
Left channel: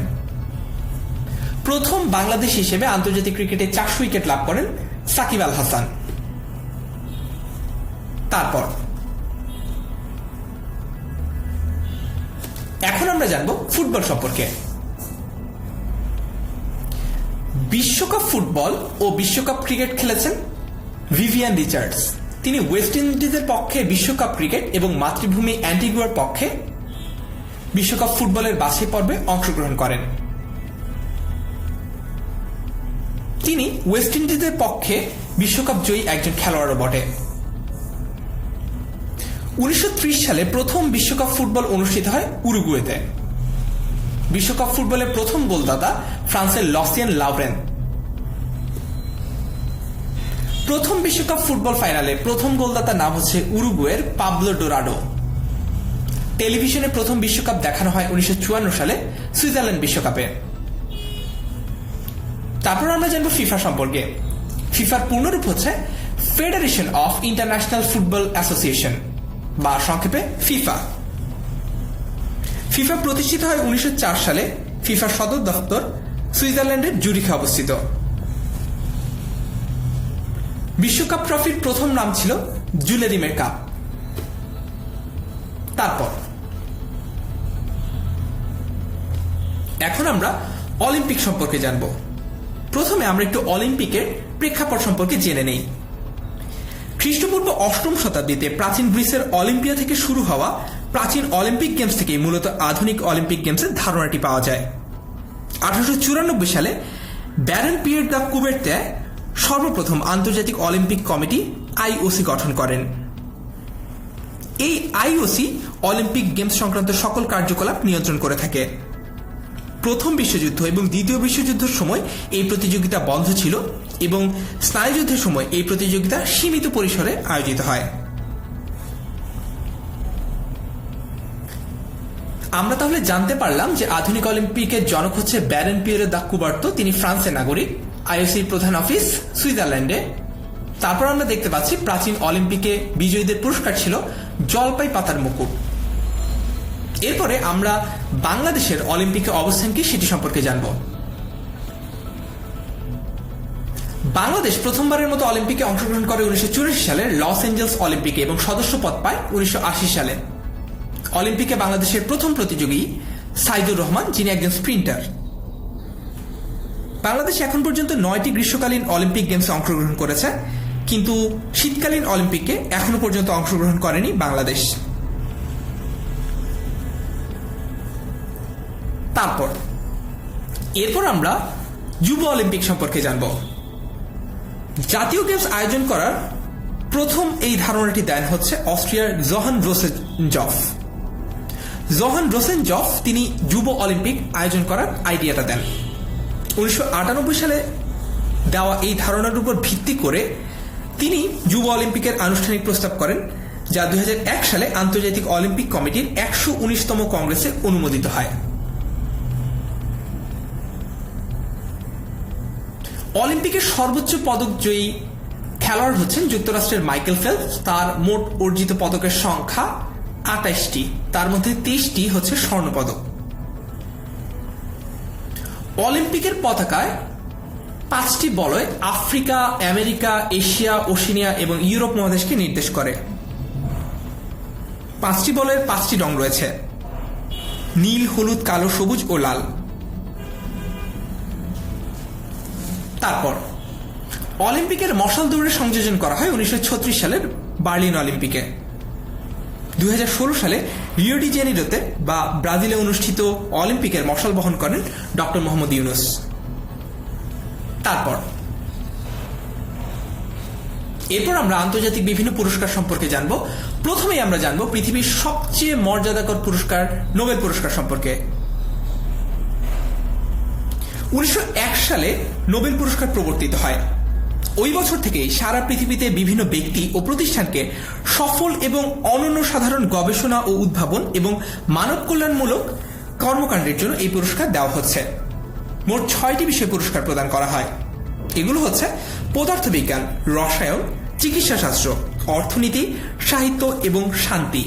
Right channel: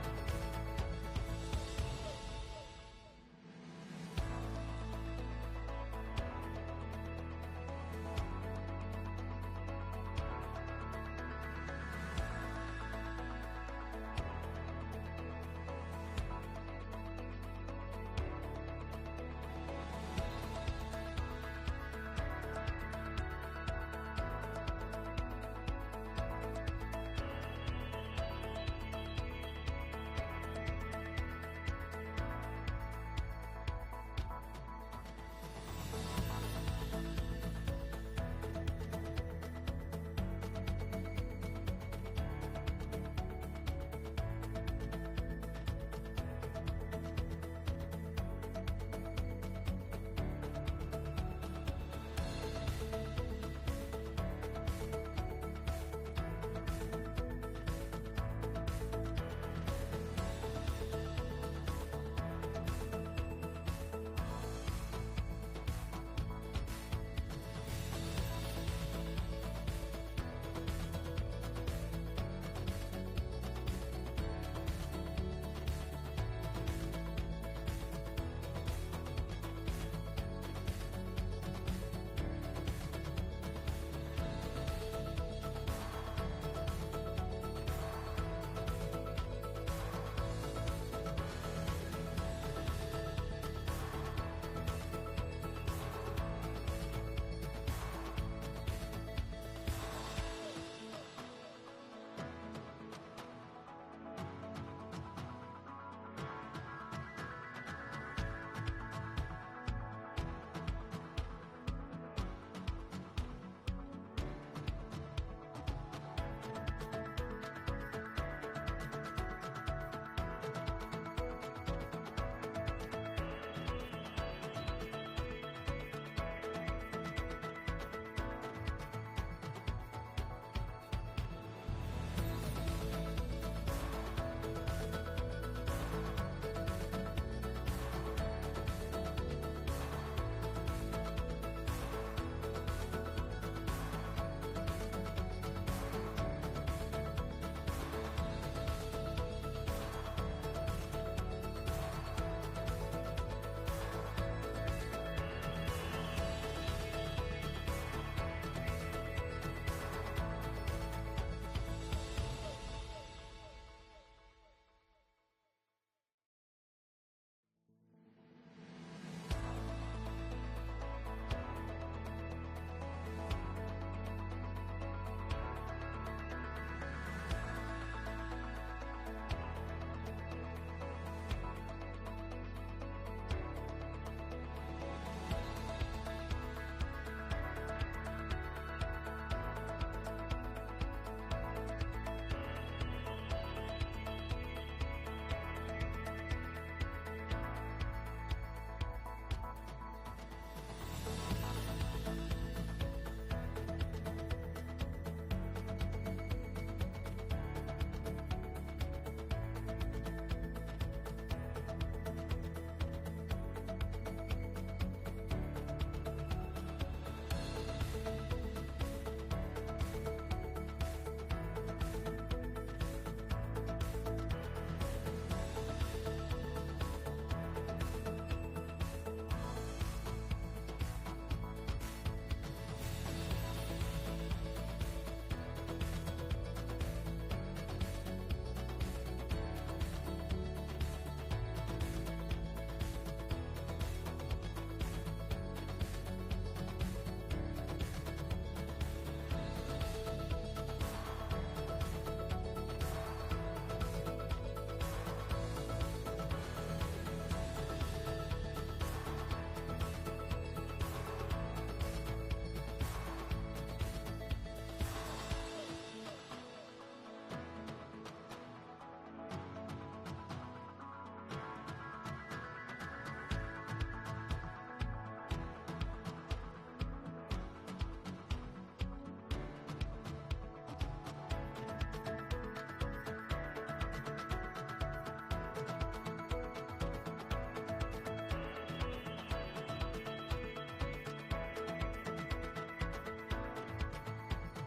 প্রথম বাংলাদেশ হিসেবে আন্তর্জাতিক ক্রিকেটে 400 উইকেট লাভ করেন সাকিব আল হাসান। এখন আমরা জানব ফুটবল সম্পর্কে। বিশ্বকাপ ফুটবল ও বিশ্বকাপ ক্রিকেট খেলেছেন ভিভিয়ান রিচার্ডস। তিনি ওয়েস্ট ইন্ডিজের পক্ষে বিশ্বকাপ ক্রিকেট এবং মাতৃভূমি অ্যান্টিগুয়ার পক্ষে বিশ্বকাপ ফুটবলের বাছাই পর্বে অংশগ্রহণ করেন। তিনি ওয়েস্ট ইন্ডিজের পক্ষে বিশ্বকাপ জয়ী একজন খেলোয়াড়ও বটে। 1930 সালে প্রথম বিশ্বকাপ ফুটবল অনুষ্ঠিত হয় উরুগুয়েতে। বিশ্বকাপ ফুটবলের প্রথম গোলদাতা ফ্রান্সের লসিয়ান লাভরেন। প্রথম বিশ্বকাপ ফুটবল ফাইনালে প্রথম গোলদাতার নাম হচ্ছে উরুগুয়ের পাবলো ডোরাডো। টেলিভিশনে প্রথম বিশ্বকাপ দেখানো হয় 1954 সালে সুইজারল্যান্ড বিশ্বকাপে। তারপর আমরা জানবো ফিফা সম্পর্কে। ফিফার পূর্ণরূপ হচ্ছে federation of international football association বা সংক্ষেপে ফিফা। ফিফা প্রতিষ্ঠিত হয় 1904 সালে। ফিফার সদর দপ্তর সুইজারল্যান্ডের জুরিখে অবস্থিত। বিশ্বকাপ ট্রফির প্রথম নাম ছিল জুলেরিমের কাপ। তারপর এখন আমরা অলিম্পিক সম্পর্কে জানব। প্রথমে আমরা একটু অলিম্পিকের প্রেক্ষাপট সম্পর্কে জেনে নেই। খ্রিস্টপূর্ব 8ম শতাব্দীতে প্রাচীন গ্রিসের অলিম্পিয়া থেকে শুরু হওয়া প্রাচীন অলিম্পিক গেমস থেকে মূলত আধুনিক অলিম্পিক গেমসের ধারণাটি পাওয়া যায়। 1894 সালে ব্যারন পিয়ের দ্য কুবেরতে সর্বপ্রথম আন্তর্জাতিক অলিম্পিক কমিটি আইওসি গঠন করেন। এই আইওসি অলিম্পিক গেমস সংক্রান্ত সকল কার্যকলাপ নিয়ন্ত্রণ করে থাকে। প্রথম বিশ্বযুদ্ধ এবং দ্বিতীয় বিশ্বযুদ্ধের সময় এই প্রতিযোগিতা বন্ধ ছিল এবং স্নায়ুযুদ্ধের সময় এই প্রতিযোগিতা সীমিত পরিসরে আয়োজিত হয়। আমরা তাহলে জানতে পারলাম যে আধুনিক অলিম্পিকের জনক হচ্ছে ব্যারন পিয়ের দ্য কুবার্তো। তিনি ফ্রান্সের নাগরিক। আইওসির প্রধান অফিস সুইজারল্যান্ডে। তারপর আমরা দেখতে পাচ্ছি প্রাচীন অলিম্পিকে বিজয়ীদের পুরস্কার ছিল জলপাই পাতার মুকুট। এরপরে আমরা বাংলাদেশের অলিম্পিকে অবস্থান কি সেটি সম্পর্কে জানব। বাংলাদেশ প্রথমবারের মতো অলিম্পিকে অংশগ্রহণ করে 1984 সালের লস এঞ্জেলস অলিম্পিকে এবং সদস্য পদ পায় 1980 সালে। অলিম্পিকে বাংলাদেশের প্রথম প্রতিযোগী সাইদুর রহমান, যিনি একজন স্প্রিন্টার। বাংলাদেশ এখন পর্যন্ত 9টি গ্রীষ্মকালীন অলিম্পিক গেমসে অংশগ্রহণ করেছে, কিন্তু শীতকালীন অলিম্পিকে এখনো পর্যন্ত অংশগ্রহণ করেনি বাংলাদেশ। এরপর আমরা যুব অলিম্পিক সম্পর্কে জানব। জাতীয় গেমস আয়োজন করার প্রথম এই ধারণাটি দেন হচ্ছে অস্ট্রিয়ার জোহান রোসেনজফ। জোহান রোসেনজফ তিনি যুব অলিম্পিক আয়োজন করার আইডিয়াটা দেন। 1998 সালে দেওয়া এই ধারণার উপর ভিত্তি করে তিনি যুব অলিম্পিকের আনুষ্ঠানিক প্রস্তাব করেন, যা 2001 সালে আন্তর্জাতিক অলিম্পিক কমিটির 119তম কংগ্রেসে অনুমোদিত হয়। অলিম্পিকের সর্বোচ্চ পদকজয়ী খেলোয়াড় হচ্ছেন যুক্তরাষ্ট্রের মাইকেল ফেলপস। তার মোট অর্জিত পদকের সংখ্যা 28টি, তার মধ্যে 23টি হচ্ছে স্বর্ণপদক। অলিম্পিকের পতাকায় 5টি বলয় আফ্রিকা, আমেরিকা, এশিয়া, ওশেনিয়া এবং ইউরোপ মহাদেশকে নির্দেশ করে। 5টি বলয়ের 5টি রং রয়েছে: নীল, হলুদ, কালো, সবুজ ও লাল। তারপর অলিম্পিকের মশাল দৌড়ের সংযোজন করা হয় 1936 সালের বার্লিন অলিম্পিকে। 2016 সালে রিও ডি জেনিরোতে বা ব্রাজিলে অনুষ্ঠিত অলিম্পিকের মশাল বহন করেন ডক্টর মোহাম্মদ ইউনুস। এরপর আমরা আন্তর্জাতিক বিভিন্ন পুরস্কার সম্পর্কে জানব। প্রথমেই আমরা জানব পৃথিবীর সবচেয়ে মর্যাদাকর পুরস্কার নোবেল পুরস্কার সম্পর্কে। 1901 সালে নোবেল পুরস্কার প্রবর্তিত হয়। ওই বছর থেকেই সারা পৃথিবীতে বিভিন্ন ব্যক্তি ও প্রতিষ্ঠানকে সফল এবং অনন্য সাধারণ গবেষণা ও উদ্ভাবন এবং মানব কল্যাণমূলক কর্মকাণ্ডের জন্য এই পুরস্কার দেওয়া হচ্ছে। মোট 6টি বিষয়ে পুরস্কার প্রদান করা হয়। এগুলো হচ্ছে পদার্থবিজ্ঞান, রসায়ন, চিকিৎসাশাস্ত্র, অর্থনীতি, সাহিত্য এবং শান্তি।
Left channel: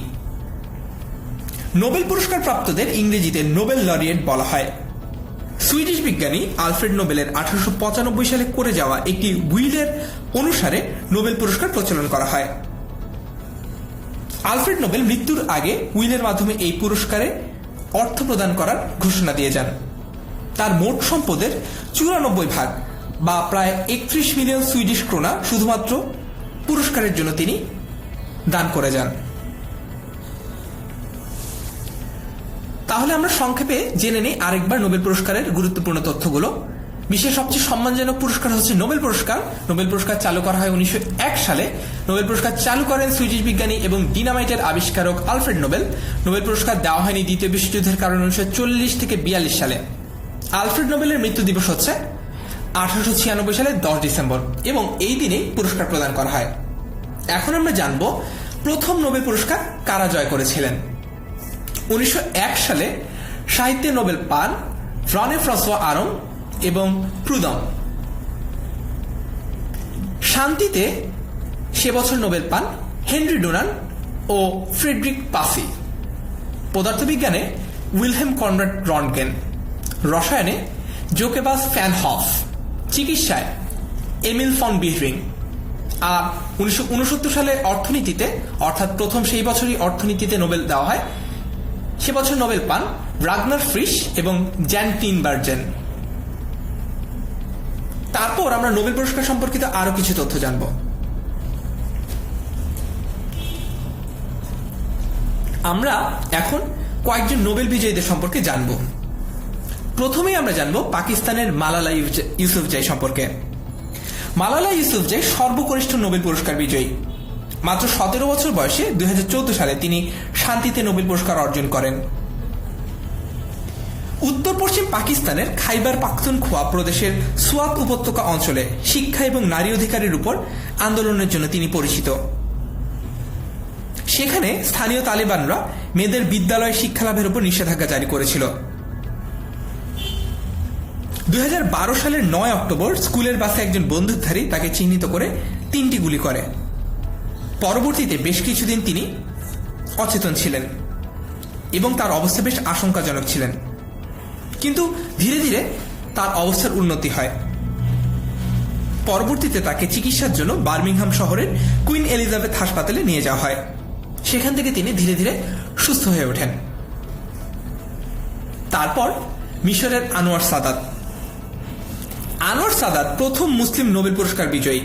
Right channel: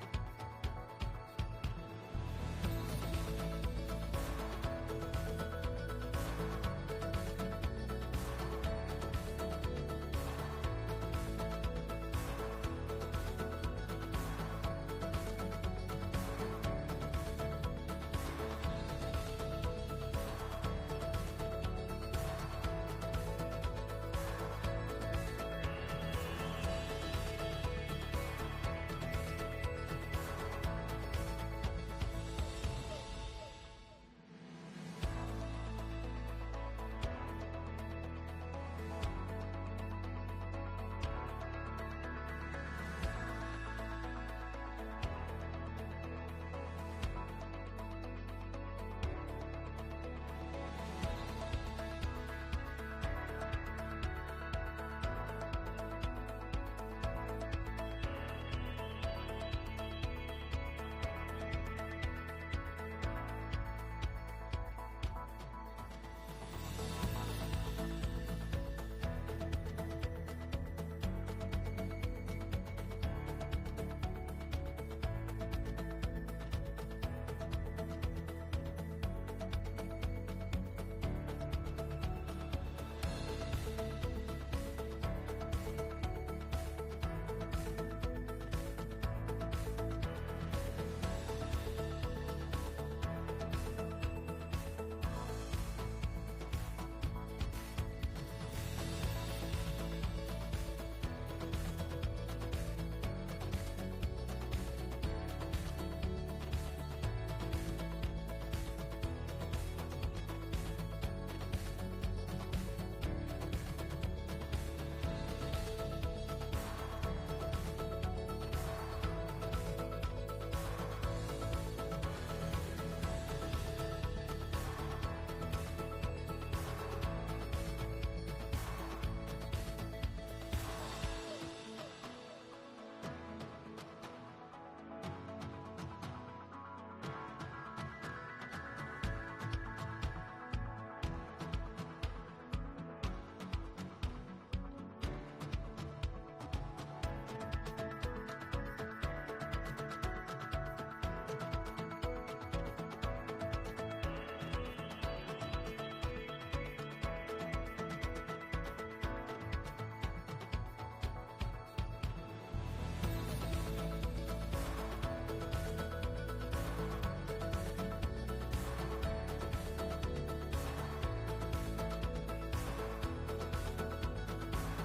নোবেল পুরস্কার প্রাপ্তদের ইংরেজিতে নোবেল লরিয়েট বলা হয়। সুইডিশ বিজ্ঞানী আলফ্রেড নোবেলের 1895 সালে করে যাওয়া একটি উইলের অনুসারে নোবেল পুরস্কার প্রচলন করা হয়। আলফ্রেড নোবেল মৃত্যুর আগে উইলের মাধ্যমে এই পুরস্কারে অর্থ প্রদান করার ঘোষণা দিয়ে যান। তার মোট সম্পদের 94 বা প্রায় 31 মিলিয়ন সুইডিশ ক্রোনা শুধুমাত্র পুরস্কারের জন্য তিনি দান করে যান। তাহলে আমরা সংক্ষেপে জেনে নেই আরেকবার নোবেল পুরস্কারের গুরুত্বপূর্ণ তথ্যগুলো। বিশ্বের সবচেয়ে সম্মানজনক পুরস্কার হচ্ছে নোবেল পুরস্কার। নোবেল পুরস্কার চালু করা হয় 1901 সালে। নোবেল পুরস্কার চালু করেন সুইডিশ বিজ্ঞানী এবং ডিনামাইটের আবিষ্কারক আলফ্রেড নোবেল। নোবেল পুরস্কার দেওয়া হয়নি দ্বিতীয় বিশ্বযুদ্ধের কারণে 1940 থেকে 42 সালে। আলফ্রেড নোবেলের মৃত্যু দিবস হচ্ছে 1896 সালের 10 ডিসেম্বর এবং এই দিনেই পুরস্কার প্রদান করা হয়। এখন আমরা জানব প্রথম নোবেল পুরস্কার কারা জয় করেছিলেন। 1901 সালে সাহিত্যে নোবেল পান রনে ফ্রাঁসোয়া আরং এবং প্রুদম। শান্তিতে সে বছর নোবেল পান হেনরি ডুনান ও ফ্রেডরিক পাসি, পদার্থবিজ্ঞানে উইলহেম কনরাড রন্টগেন, রসায়নে জোকেবাস ফ্যান হফ, চিকিৎসায় এমিল ফন বিহরিং। আর 1969 সালে অর্থনীতিতে, অর্থাৎ প্রথম সেই বছরই অর্থনীতিতে নোবেল দেওয়া হয়, সে বছর নোবেল পান রাগনার ফ্রিশ এবং জ্যান টিনবার্জেন। তারপর আমরা নোবেল পুরস্কার সম্পর্কিত আরো কিছু তথ্য জানব। আমরা এখন কয়েকজন নোবেল বিজয়ীদের সম্পর্কে জানব। প্রথমেই আমরা জানব পাকিস্তানের মালালা ইউসুফজাই সম্পর্কে। মালালা ইউসুফজাই সর্বকনিষ্ঠ নোবেল পুরস্কার বিজয়ী। মাত্র 17 বছর বয়সে 2014 সালে তিনি শান্তিতে নোবেল পুরস্কার অর্জন করেন। উত্তর পশ্চিম পাকিস্তানের খাইবার পাখতুনখোয়া প্রদেশের সোয়াত উপত্যকা অঞ্চলে শিক্ষা এবং নারী অধিকারের উপর আন্দোলনের জন্য তিনি পরিচিত। সেখানে স্থানীয় তালেবানরা মেয়েদের বিদ্যালয়ে শিক্ষালাভের উপর নিষেধাজ্ঞা জারি করেছিল। 2012 সালের 9 অক্টোবর স্কুলের বাসে একজন বন্দুকধারী তাকে চিহ্নিত করে 3টি গুলি করে। পরবর্তীতে বেশ কিছুদিন তিনি অচেতন ছিলেন এবং তার অবস্থা বেশ আশঙ্কাজনক ছিলেন, কিন্তু ধীরে ধীরে তার অবস্থার উন্নতি হয়। পরবর্তীতে তাকে চিকিৎসার জন্য বার্মিংহাম শহরের কুইন এলিজাবেথ হাসপাতালে নিয়ে যাওয়া হয়। সেখান থেকে তিনি ধীরে ধীরে সুস্থ হয়ে ওঠেন। তারপর মিশরের আনোয়ার সাদাত। আনোয়ার সাদাত প্রথম মুসলিম নোবেল পুরস্কার বিজয়ী।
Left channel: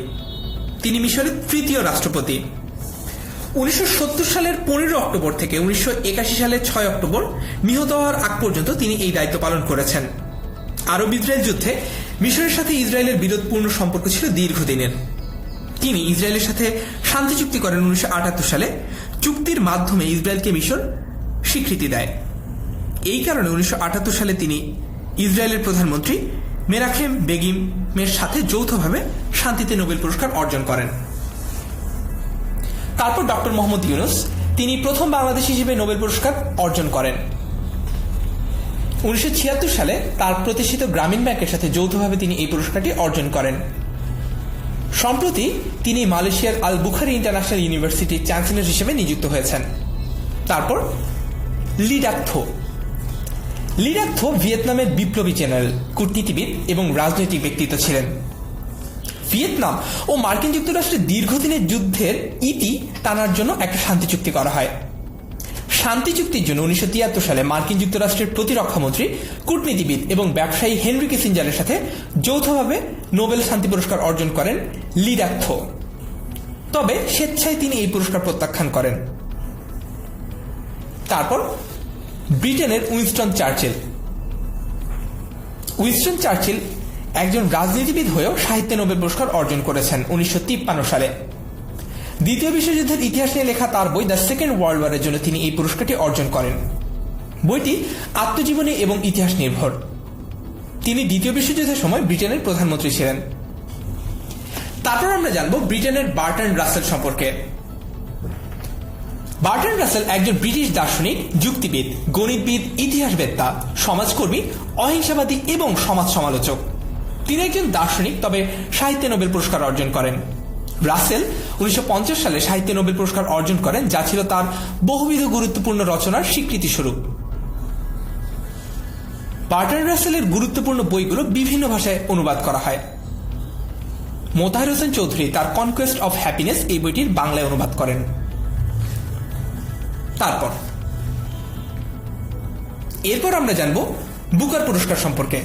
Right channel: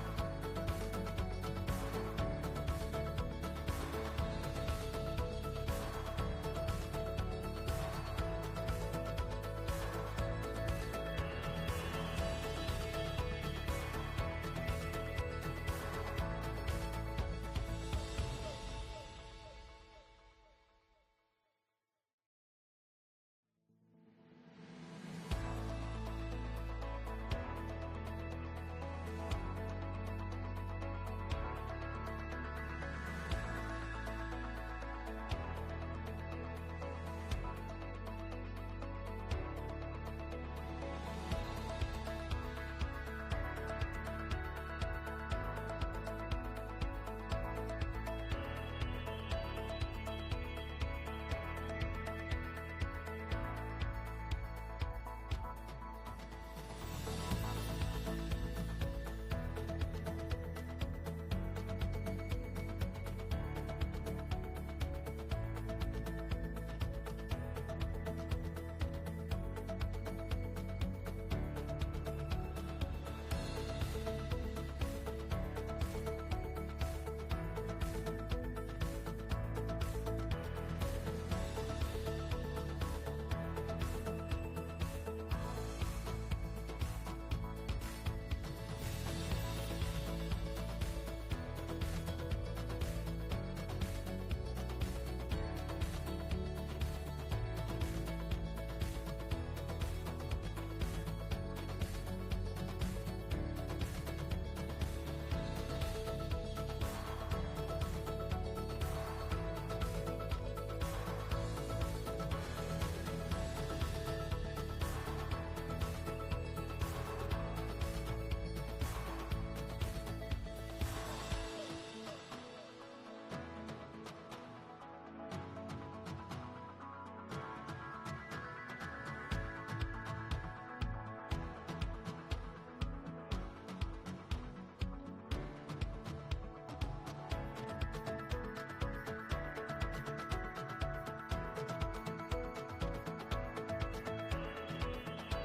তিনি মিশরের তৃতীয় রাষ্ট্রপতি। 1970 সালের 15 অক্টোবর থেকে 1981 সালের 6 অক্টোবর নিহত হওয়ার আগ পর্যন্ত তিনি এই দায়িত্ব পালন করেছেন। আরব ইসরায়েল যুদ্ধে মিশরের সাথে ইসরায়েলের বিরোধপূর্ণ সম্পর্ক ছিল দীর্ঘদিনের। তিনি ইসরায়েলের সাথে শান্তি চুক্তি করেন 1978 সালে। চুক্তির মাধ্যমে ইসরায়েলকে মিশর স্বীকৃতি দেয়। এই কারণে 1978 সালে তিনি ইসরায়েলের প্রধানমন্ত্রী মেনাহেম বেগিমের সাথে যৌথভাবে শান্তিতে নোবেল পুরস্কার অর্জন করেন। তারপর ডক্টর মোহাম্মদ ইউনুস, তিনি প্রথম বাংলাদেশ হিসেবে নোবেল পুরস্কার অর্জন করেন। 1976 সালে তার প্রতিষ্ঠিত গ্রামীণ ব্যাংকের সাথে যৌথভাবে তিনি এই পুরস্কারটি অর্জন করেন। সম্প্রতি তিনি মালয়েশিয়ার আল বুখারি ইন্টারন্যাশনাল ইউনিভার্সিটির চ্যান্সেলর হিসেবে নিযুক্ত হয়েছেন। তারপর লি ডাক থো। লি ডাক থো ভিয়েতনামের বিপ্লবী জেনারেল, কূটনীতিবিদ এবং রাজনৈতিক ব্যক্তিত্ব ছিলেন। ভিয়েতনাম ও মার্কিন যুক্তরাষ্ট্রের দীর্ঘদিনের যুদ্ধের ইতি টানার জন্য একটা শান্তি চুক্তি করা হয়। শান্তি চুক্তির জন্য 1973 সালে মার্কিন যুক্তরাষ্ট্রের প্রতিরক্ষামন্ত্রী, কূটনীতিবিদ এবং ব্যবসায়ী হেনরি কিসিঞ্জারের সাথে যৌথভাবে নোবেল শান্তি পুরস্কার অর্জন করেন লি ডাক থো। তবে স্বেচ্ছায় তিনি এই পুরস্কার প্রত্যাখ্যান করেন। তারপর ব্রিটেনের উইনস্টন চার্চিল। উইনস্টন চার্চিল একজন রাজনীতিবিদ হয়েও সাহিত্যে নোবেল পুরস্কার অর্জন করেছেন 1953 সালে। দ্বিতীয় বিশ্বযুদ্ধের ইতিহাস নিয়ে লেখা তার বই দ্য সেকেন্ড ওয়ার্ল্ড ওয়ারের জন্য তিনি এই পুরস্কারটি অর্জন করেন। বইটি আত্মজীবনী এবং ইতিহাস নির্ভর। তিনি দ্বিতীয় বিশ্বযুদ্ধের সময় ব্রিটেনের প্রধানমন্ত্রী ছিলেন। তারপর আমরা জানব ব্রিটেনের বার্ট্রান্ড রাসেল সম্পর্কে। বার্ট্রান্ড রাসেল একজন ব্রিটিশ দার্শনিক, যুক্তিবিদ, গণিতবিদ, ইতিহাসবেত্তা, সমাজকর্মী, অহিংসাবাদী এবং সমাজ সমালোচক। তিনি একজন দার্শনিক, তবে সাহিত্যে নোবেল পুরস্কার অর্জন করেন। রাসেল 1950 সালে সাহিত্যে নোবেল পুরস্কার অর্জন করেন, যা ছিল তার বহুবিধ গুরুত্বপূর্ণ রচনার স্বীকৃতি স্বরূপ। বার্ট্রান্ড রাসেলের গুরুত্বপূর্ণ বইগুলো বিভিন্ন ভাষায় অনুবাদ করা হয়। মোতাহার হোসেন চৌধুরী তার কনকোয়েস্ট অফ হ্যাপিনেস এই বইটির বাংলায় অনুবাদ করেন। এরপর আমরা জানব বুকার পুরস্কার সম্পর্কে।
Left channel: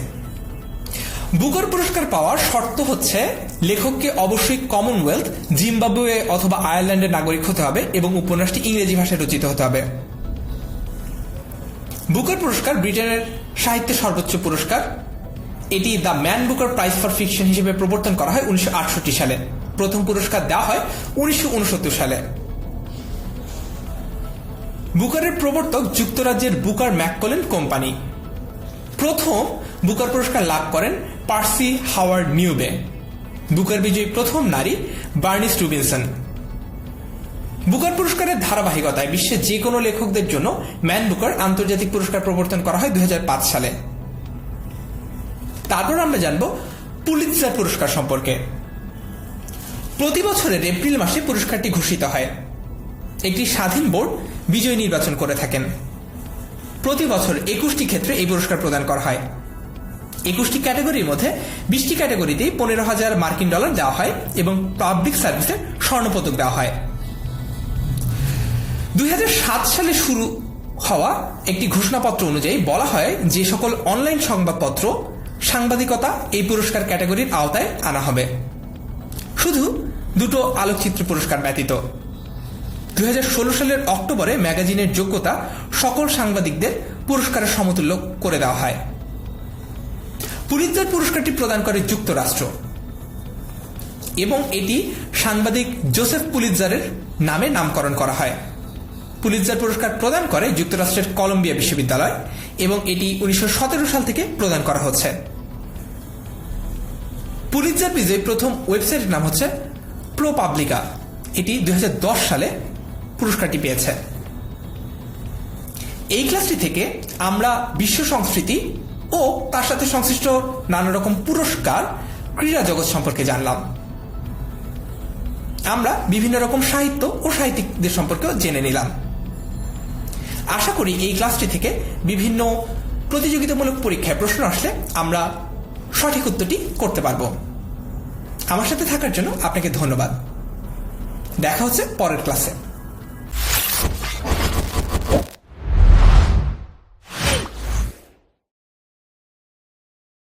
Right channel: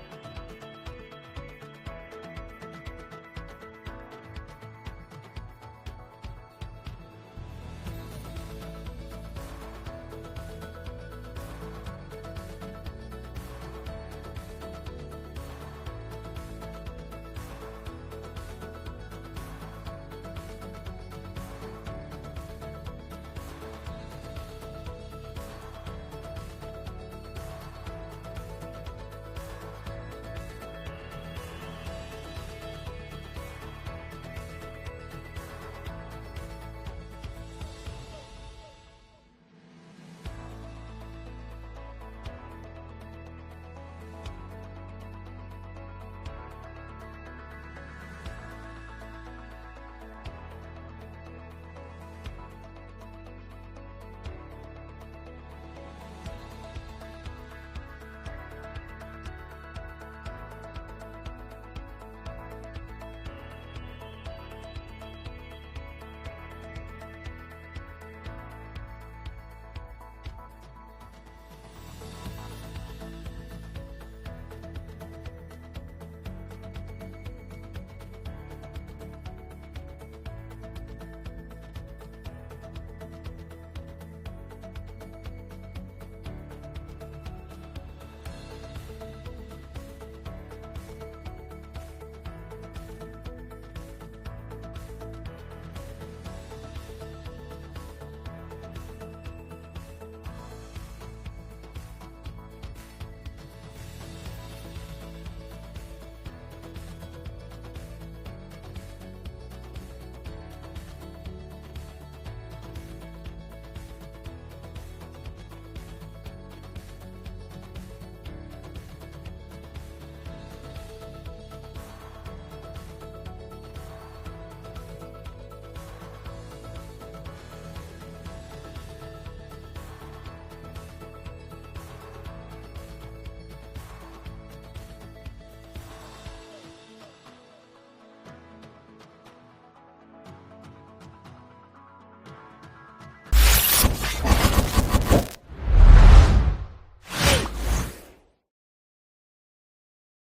বুকার পুরস্কার পাওয়ার শর্ত হচ্ছে লেখককে অবশ্যই কমনওয়েলথ, জিম্বাবুয়ে অথবা আয়ারল্যান্ডের নাগরিক হতে হবে এবং উপন্যাসটি ইংরেজি ভাষায় রচিত হতে হবে। বুকার পুরস্কার ব্রিটেনের সাহিত্যের সর্বোচ্চ পুরস্কার। এটি the man Booker prize for fiction হিসেবে প্রবর্তন করা হয় 1968 সালে। প্রথম পুরস্কার দেওয়া হয় 1969 সালে। বুকারের প্রবর্তক যুক্তরাজ্যের বুকার ম্যাককলেন কোম্পানি। প্রথম বুকার পুরস্কার লাভ করেন পার্সি হাওয়ার্ড নিউবে। বুকার বিজয়ী প্রথম নারী বার্নিস রুবিনসন। বুকার পুরস্কারের ধারাবাহিকতায় বিশ্বের যে কোনো লেখকদের জন্য ম্যান বুকার আন্তর্জাতিক পুরস্কার প্রবর্তন করা হয় 2005 সালে। তারপর আমরা জানব পুলিৎজার পুরস্কার সম্পর্কে। প্রতি বছরের এপ্রিল মাসে পুরস্কারটি ঘোষিত হয়। একটি স্বাধীন বোর্ড বিজয়ী নির্বাচন করে থাকেন। প্রতি বছর 21টি ক্ষেত্রে এই পুরস্কার প্রদান করা হয়। 21টি ক্যাটাগরির মধ্যে 20টি ক্যাটাগরিতে 15,000 মার্কিন ডলার দেওয়া হয় এবং পাবলিক সার্ভিসের স্বর্ণপদক দেওয়া হয়। 2007 সালে শুরু হওয়া একটি ঘোষণাপত্র অনুযায়ী বলা হয় যে সকল অনলাইন সংবাদপত্র সাংবাদিকতা এই পুরস্কার ক্যাটাগরির আওতায় আনা হবে, শুধু দুটো আলোকচিত্র পুরস্কার ব্যতীত। 2016 সালের অক্টোবরে ম্যাগাজিনের যোগ্যতা সকল সাংবাদিকদের পুরস্কারের সমতুল্য করে দেওয়া হয়। পুলিৎজার পুরস্কারটি প্রদান করে যুক্তরাষ্ট্র এবং এটি সাংবাদিক জোসেফ পুলিৎজারের নামে নামকরণ করা হয়। পুলিৎজার পুরস্কার প্রদান করে যুক্তরাষ্ট্রের কলম্বিয়া বিশ্ববিদ্যালয় এবং এটি 1917 সাল থেকে প্রদান করা হচ্ছে। পুলিৎজার বিজয়ী প্রথম ওয়েবসাইটের নাম হচ্ছে প্রোপাবলিকা। এটি 2010 সালে পুরস্কারটি পেয়েছে। এই ক্লাসটি থেকে আমরা বিশ্ব সংস্কৃতি ও তার সাথে সংশ্লিষ্ট নানা রকম পুরস্কার, ক্রীড়া জগৎ সম্পর্কে জানলাম। আমরা বিভিন্ন রকম সাহিত্য ও সাহিত্যিকদের সম্পর্কেও জেনে নিলাম। আশা করি এই ক্লাসটি থেকে বিভিন্ন প্রতিযোগিতামূলক পরীক্ষায় প্রশ্ন আসলে আমরা সঠিক উত্তরটি করতে পারব। আমার সাথে থাকার জন্য আপনাকে ধন্যবাদ। দেখা হচ্ছে পরের ক্লাসে।